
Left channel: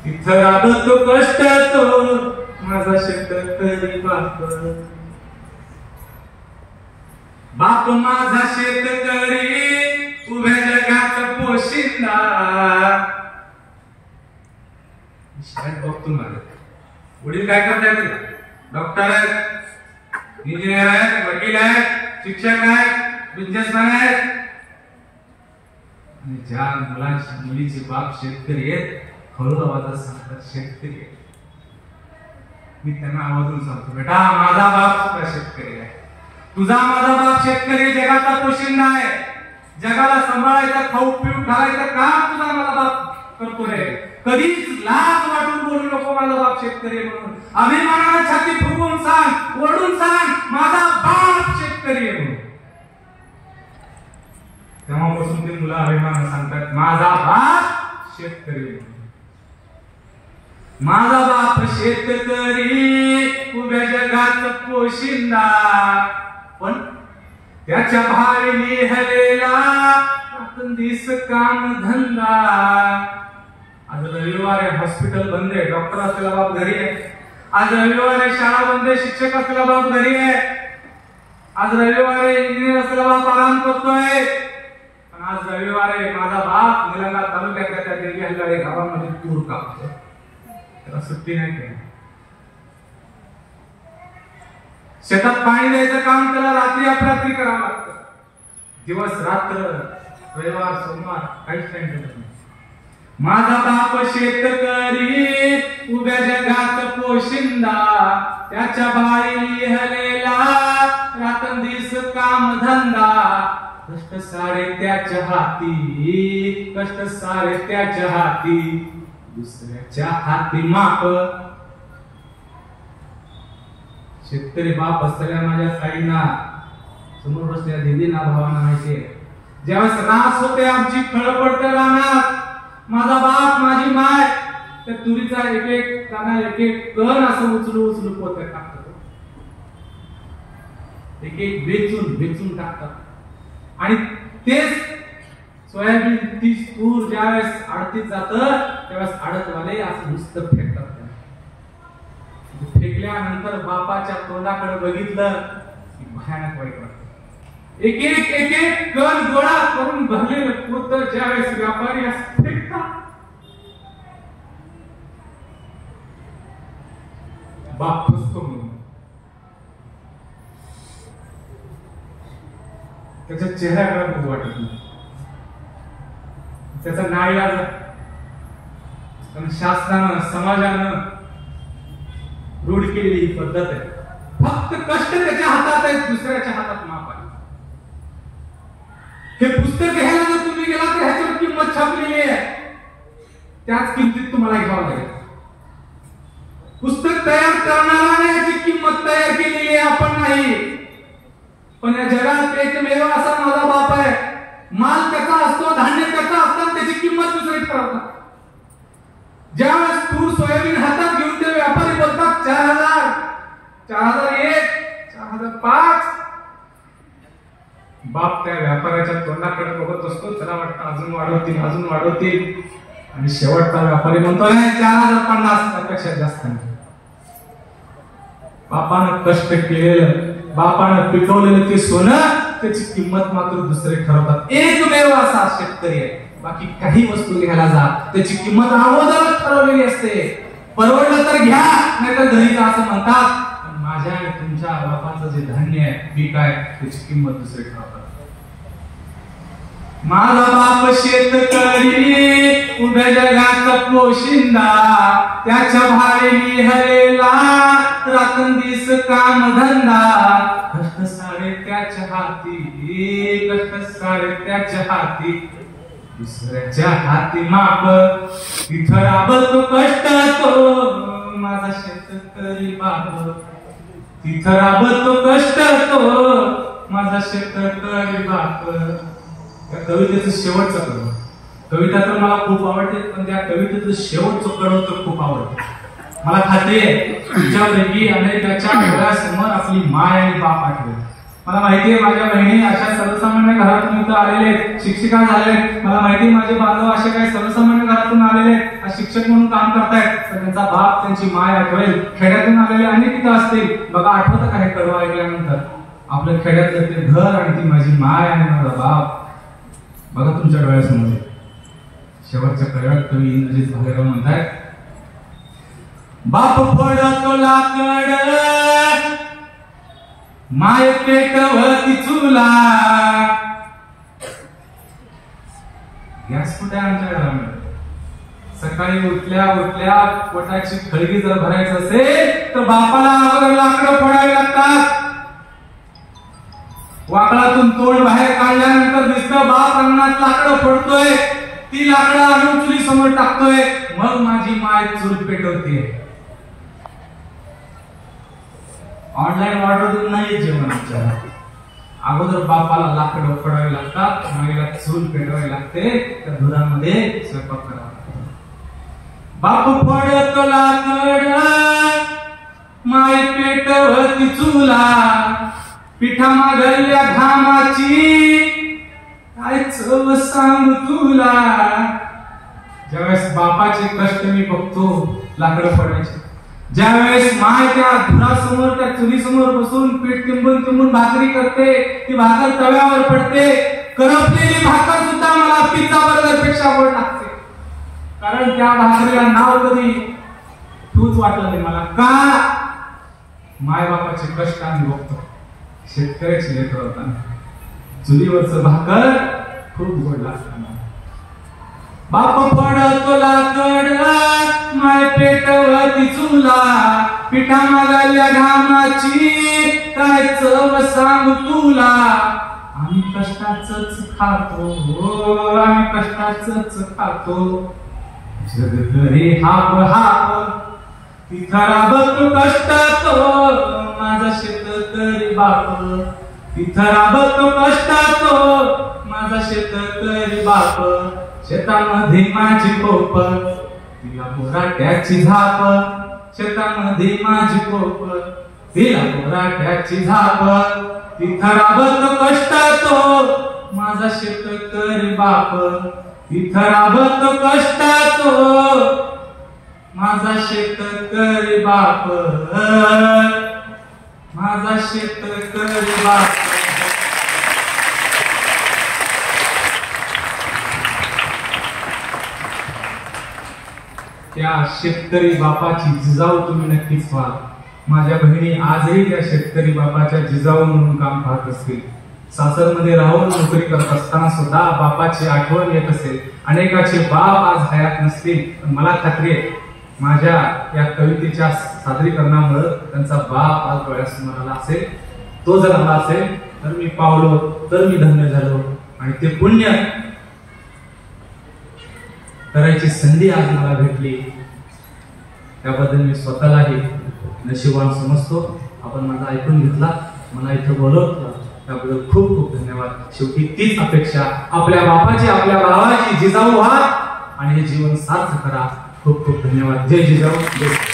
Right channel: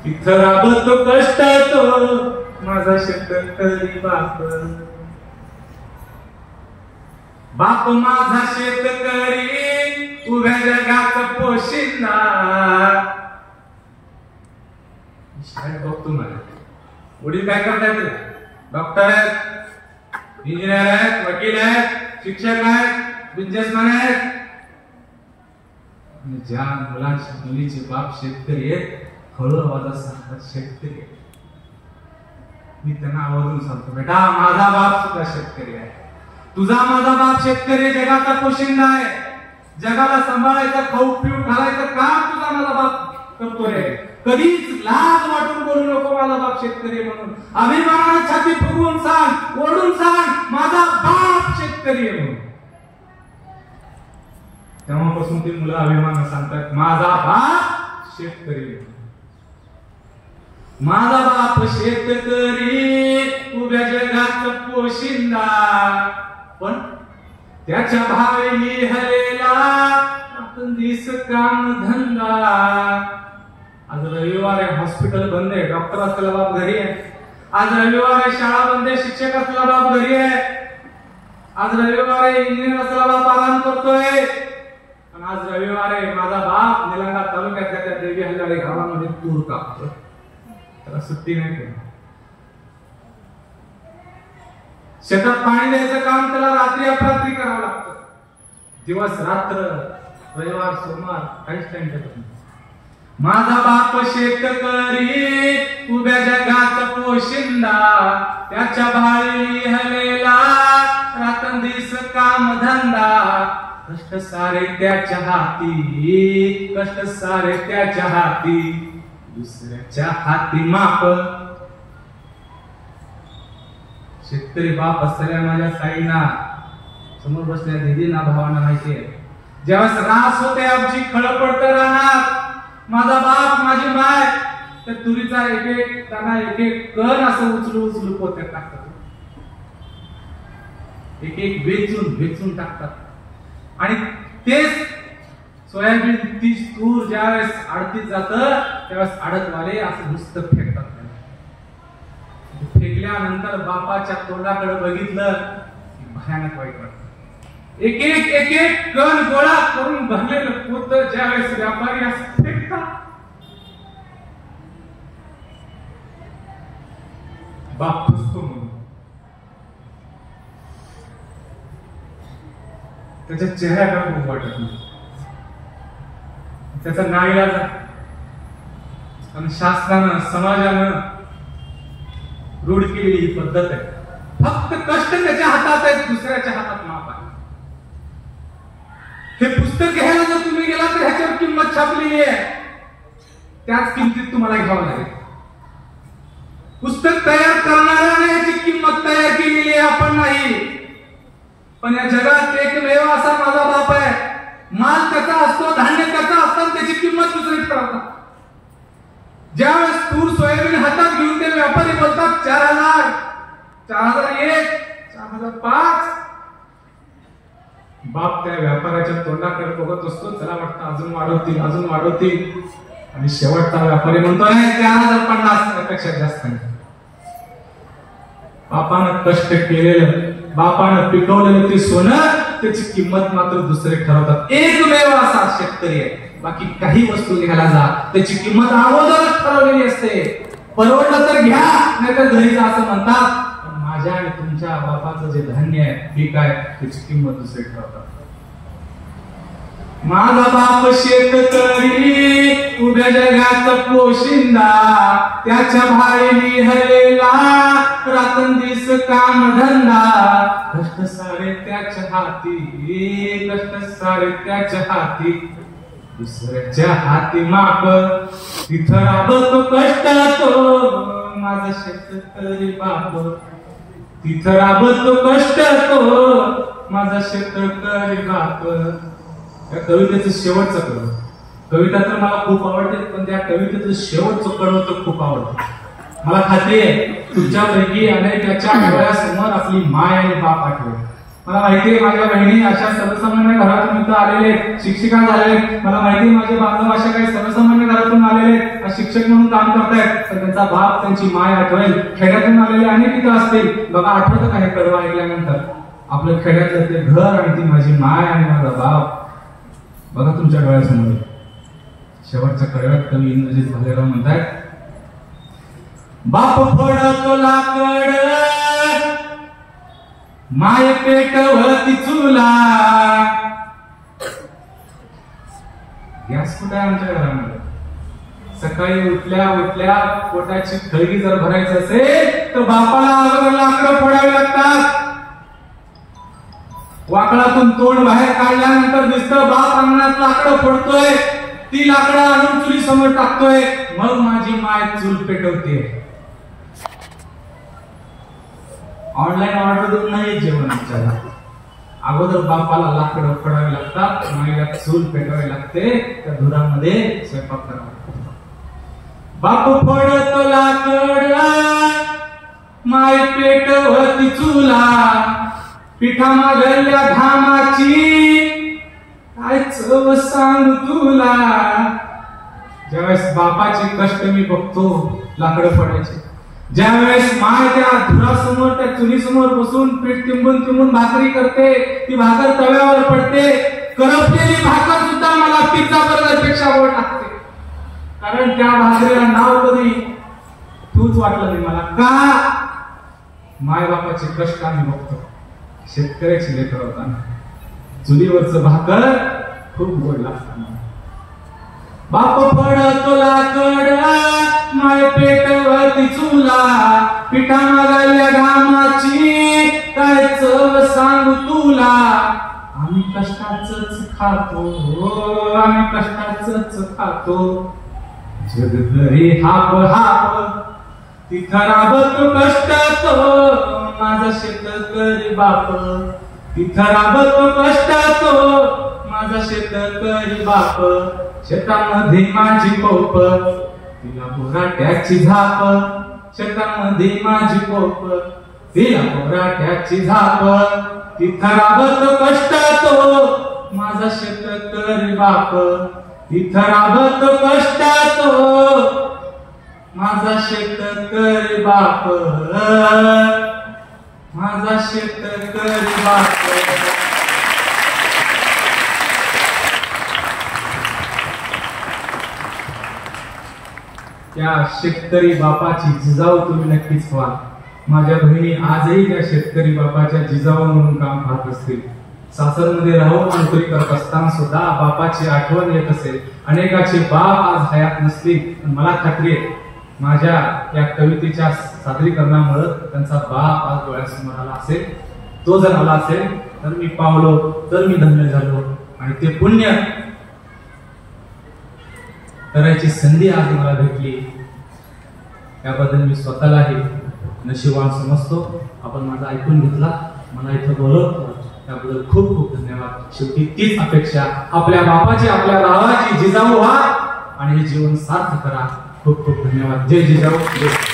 तिथं राबतो कष्ट तो माझा शेतकरी बाप. बाप माझा शेतकरी उभ्या जगाचा पोशिंदा. बघतो मला वडील काय करतायत. डॉक्टर आहेत, इंजिनियर आहेत, वकील आहेत, शिक्षक आहेत, बिझनेसमॅन आहेत. ज्या मुलांच्या मुलीचे बाप शेतकरी आहेत हळू आवाजात सांगतात शेतकरी आहेत. मी त्यांना आवाजून सांगतो बेटा माझा बाप सुद्धा शेतकरी आहे. तुझा माझा बाप शेतकरी जगाचा पोशिंदा आहे. जगाला सांभाळायचं खाऊ पिऊ घालायचं काम तुझा माझा बाप करतोय. कधीच लाज वाटून बोलू नको माझा बाप शेतकरी म्हणून. अभिमानाने छाती फुगवून सांग ओढून सांग माझा बाप शेतकरी आहे म्हणून. तेव्हापासून ते मुलं अभिमानाने सांगतात माझा बाप शेतकरी आहे. माझा बाप शेतकरी उभ्या जगात पोशिंदा. पण त्याच्या भाई हलेला दिस काम धंदा. आज रविवार आहे हॉस्पिटल बंद आहे डॉक्टर असलेला बाप घरी आहे. आज रविवार आहे शाळा बंद आहे शिक्षक असलेला बाप घरी आहे. आज रविवार आहे इंजिनियर असलेला बाप आराम करतोय. आणि आज रविवार आहे माझा बाप निलंगा तालुक्यातल्या त्या देवी हल्लाळे गावामध्ये तूर कापतोय. त्याला सुट्टी नाही काही. शेतात पाणी द्यायचं काम त्याला रात्री अपरात्री करावं लागतं. दिवस रात्र रविवार सोमवार काहीच टाइम भेटत नाही. माझा बाप शेतकरी उभ्या जगात पोशिंदा. त्याच्या भाई हलेला रात्रंदिवस काम धंदा. कष्ट सारे त्याच्या हाती कष्ट सारे त्याच्या हाती दुसऱ्याच्या हाती माप. शेतकरी बाप असलेल्या माझ्या ताईंना समोर बसल्या दिदींना भावांना माहिती आहे ज्यावेळेस रास होते आमची खळपळते रानात माझा बाप माझी माय त्या तुरीचा एक एक दाना एक एक कण असं उचलू उचलू पोत्यात टाकतात. एक एक वेचून वेचून टाकतात आणि तेच सोयाबीन तीच तूर ज्यावेळेस आडतीत जातं त्यावेळेस आडतवाले असं नुसतं फेकतात. फेकल्यानंतर बापाच्या तोंडाकडे बघितलं की भयानक वाईट वाटतं. एक एक एक एक कण गोळा करून भरलेलं पोत ज्यावेळेस व्यापारी असं फेकतात बाप खुसतो म्हणून त्याच्या चेहऱ्याकडे बघू वाटत नाही. त्याचा नाईलाज आणि शास्त्रानं समाजानं रूढ केलेली ही पद्धत आहे. फक्त कष्ट त्याच्या हातात आहेत, दुसऱ्याच्या हातात माप आहे. हे पुस्तक घ्यायला जर तुम्ही गेला तर ह्याच्यावर किंमत छापलेली आहे, त्याच किमतीत तुम्हाला घ्यावं लागेल. पुस्तक तयार करणाऱ्याने याची किंमत तयार केलेली आहे, आपण नाही. पण या जगात एकमेव असा माझा बाप आहे, माल त्याचा असतो, धान्य त्याचा असतं, त्याची किंमत दुसरी ठरवतात. ज्यावेळेस तूर सोयाबीन हातात घेऊन ते व्यापारी बोलतात 4000, 4001, 4005, बाप त्या व्यापाऱ्याच्या तोंडाकडे बघत असतो. त्याला वाटतं अजून वाढवतील, अजून वाढवतील, आणि शेवटचा व्यापारी म्हणतो नाही 4050, त्यापेक्षा जास्त नाही. बापानं कष्ट केलेलं, बापानं पिकवलेलं ते सोनं, त्याची किंमत मात्र दुसरे ठरवतात. एकमेव असा शेतकरी आहे. बाकी काही वस्तू घ्यायला जा, त्याची किंमत अगोदरच ठरवलेली असते. परवडलं तर घ्या, नाही तर घरी जा असं म्हणतात. पण माझ्या आणि तुमच्या बापाचं जे धान्य आहे, पीक आहे, त्याची किंमत दुसरे ठरवतात. माझा बाप शेतकरी, उभ्या जगाचा पोशिंदा, त्याच्या भारी हरेला रात्रंदिवस काम धंदा. कष्ट सारे त्याच्या हाती, कष्ट सारे त्याच्या हाती, दुसऱ्याच्या हाती माप. तिथं राबतो कष्ट तो माझा शेतकरी बाप, तिथं राबतो कष्ट तो माझा शेतकरी बाप. त्या कवितेचं शेवटचं कडवं, कविता तर मला खूप आवडते, पण त्या कवितेचं शेवटचं कडवं तर खूप आवडतं. मला खात्री आहे तुमच्यापैकी अनेकाच्या डोळ्यासमोर आपली माय आणि बाप आठवेल. मला माहितीये माझ्या बहिणी अशा सर्वसामान्य घरातून इथं आलेले, शिक्षिका झाले. मला माहिती माझे बांधव अशा काही सर्वसामान्य घरातून आलेले, शिक्षक म्हणून काम करतायत. तर त्यांचा बाप, त्यांची माय आठवेल. खेड्यातून आलेले अनेक इथं असतील. बघा, आठवतं का हे कडवं ऐकल्यानंतर? आपलं खेड्यातलं ते घर आणि ती माझी माय आणि माझा बाप बघा तुमच्या डोळ्यासमोर. शेवटच्या कडव्यात कवी इंद्रजित भालेराव म्हणतायत, बाप फोडतो लाकड, माय पेटवती चुला. गॅस कुठे आहे आमच्या घरामध्ये? सकाळी उठल्या उठल्या पोटाची खळगी जर भरायचं असेल तर बापाला अगोदर लाकडं फोडावी लागतात. वाकडातून तोंड बाहेर काढल्यानंतर दिसतं बाप अंगणात लाकडं फोडतोय, ती लाकडं आणून चुली समोर टाकतोय, मग माझी माय चूल पेटवते. ऑनलाईन ऑर्डर नाही जेवण आमच्याला. अगोदर बापाला लाकडं फोडावे लागतात, माईला चूल पेटवावी लागते, त्या धुरामध्ये स्वयंपाक करावा लागतो. बाप फोडतो लाकड, माय पेटवती चुला. पिठा मागल्या घामाची काय चव सांग तुला. ज्यावेळेस बापाचे कष्ट मी बघतो लाकडं फोडायचे, ज्यावेळेस माय त्या धुरासमोर, त्या चुलीसमोर बसून पीठ तिंबून भाकरी करते, ती भाकर तव्यावर पडते, करपलेली भाकर सुद्धा मला पिझ्झा बर्गर पेक्षा गोड लागते. कारण त्या भाकरीला नाव कधी तूच वाटलं नाही मला. का? माय बापाचे कष्ट आम्ही बघतो. शेतकऱ्याची लेकर होताना चुलीवरचं भाकर खूप गोड लागतं. बाप फोडतो लाकड, माय पेटवती चुला. पिठा मागल्या घामाची काय चव सांग तुला. आम्ही कष्टाचंच खातो, आम्ही कष्टाचंच खातो. जगभरी हाप हाप, तिथं राबतो कष्ट तो माझा शेतकरी बाप. तिथं राबतो कष्ट तो माझा शेतकरी बाप. शेतामध्ये माझी कोप, तिला बोराट्याची झाप. शेतामध्ये माझी कोप, तिला बोराट्याची झाप. तिथं राबतो कष्ट तो माझा शेतकरी बाप. तिथं राबतो कष्ट तो माझा शेतकरी बाप. माझा शेतकरी बाप. त्या शेतकरी बापाची जिजाऊ तुम्ही नक्कीच व्हाल. माझ्या बहिणी आजही त्या शेतकरी बापाच्या जिजाऊ म्हणून काम पाहत असतील. सासरमध्ये राहून नोकरी करत असताना सुद्धा बापाची आठवण येत असेल. अनेकाचे बाप आज हयात नसतील, पण मला खात्री आहे माझ्या या कवितेच्या सादरीकरणामुळे त्यांचा बाप आज डोळ्यासमोर आला असेल. तो जर आला असेल तर मी पावलो, तर मी धन्य झालो. आणि ते पुण्य करायची संधी आज मला भेटली, त्याबद्दल मी स्वतःलाही नशीबवान समजतो. आपण माझा ऐकून घेतला, मला इथं बोलवलं, त्याबद्दल खूप खूप धन्यवाद. शेवटी तीच अपेक्षा, आपल्या बापाची, आपल्या भावाची, जिजाऊ व्हा आणि हे जीवन सार्थ करा. खूप खूप धन्यवाद. जय जिजाऊ. जय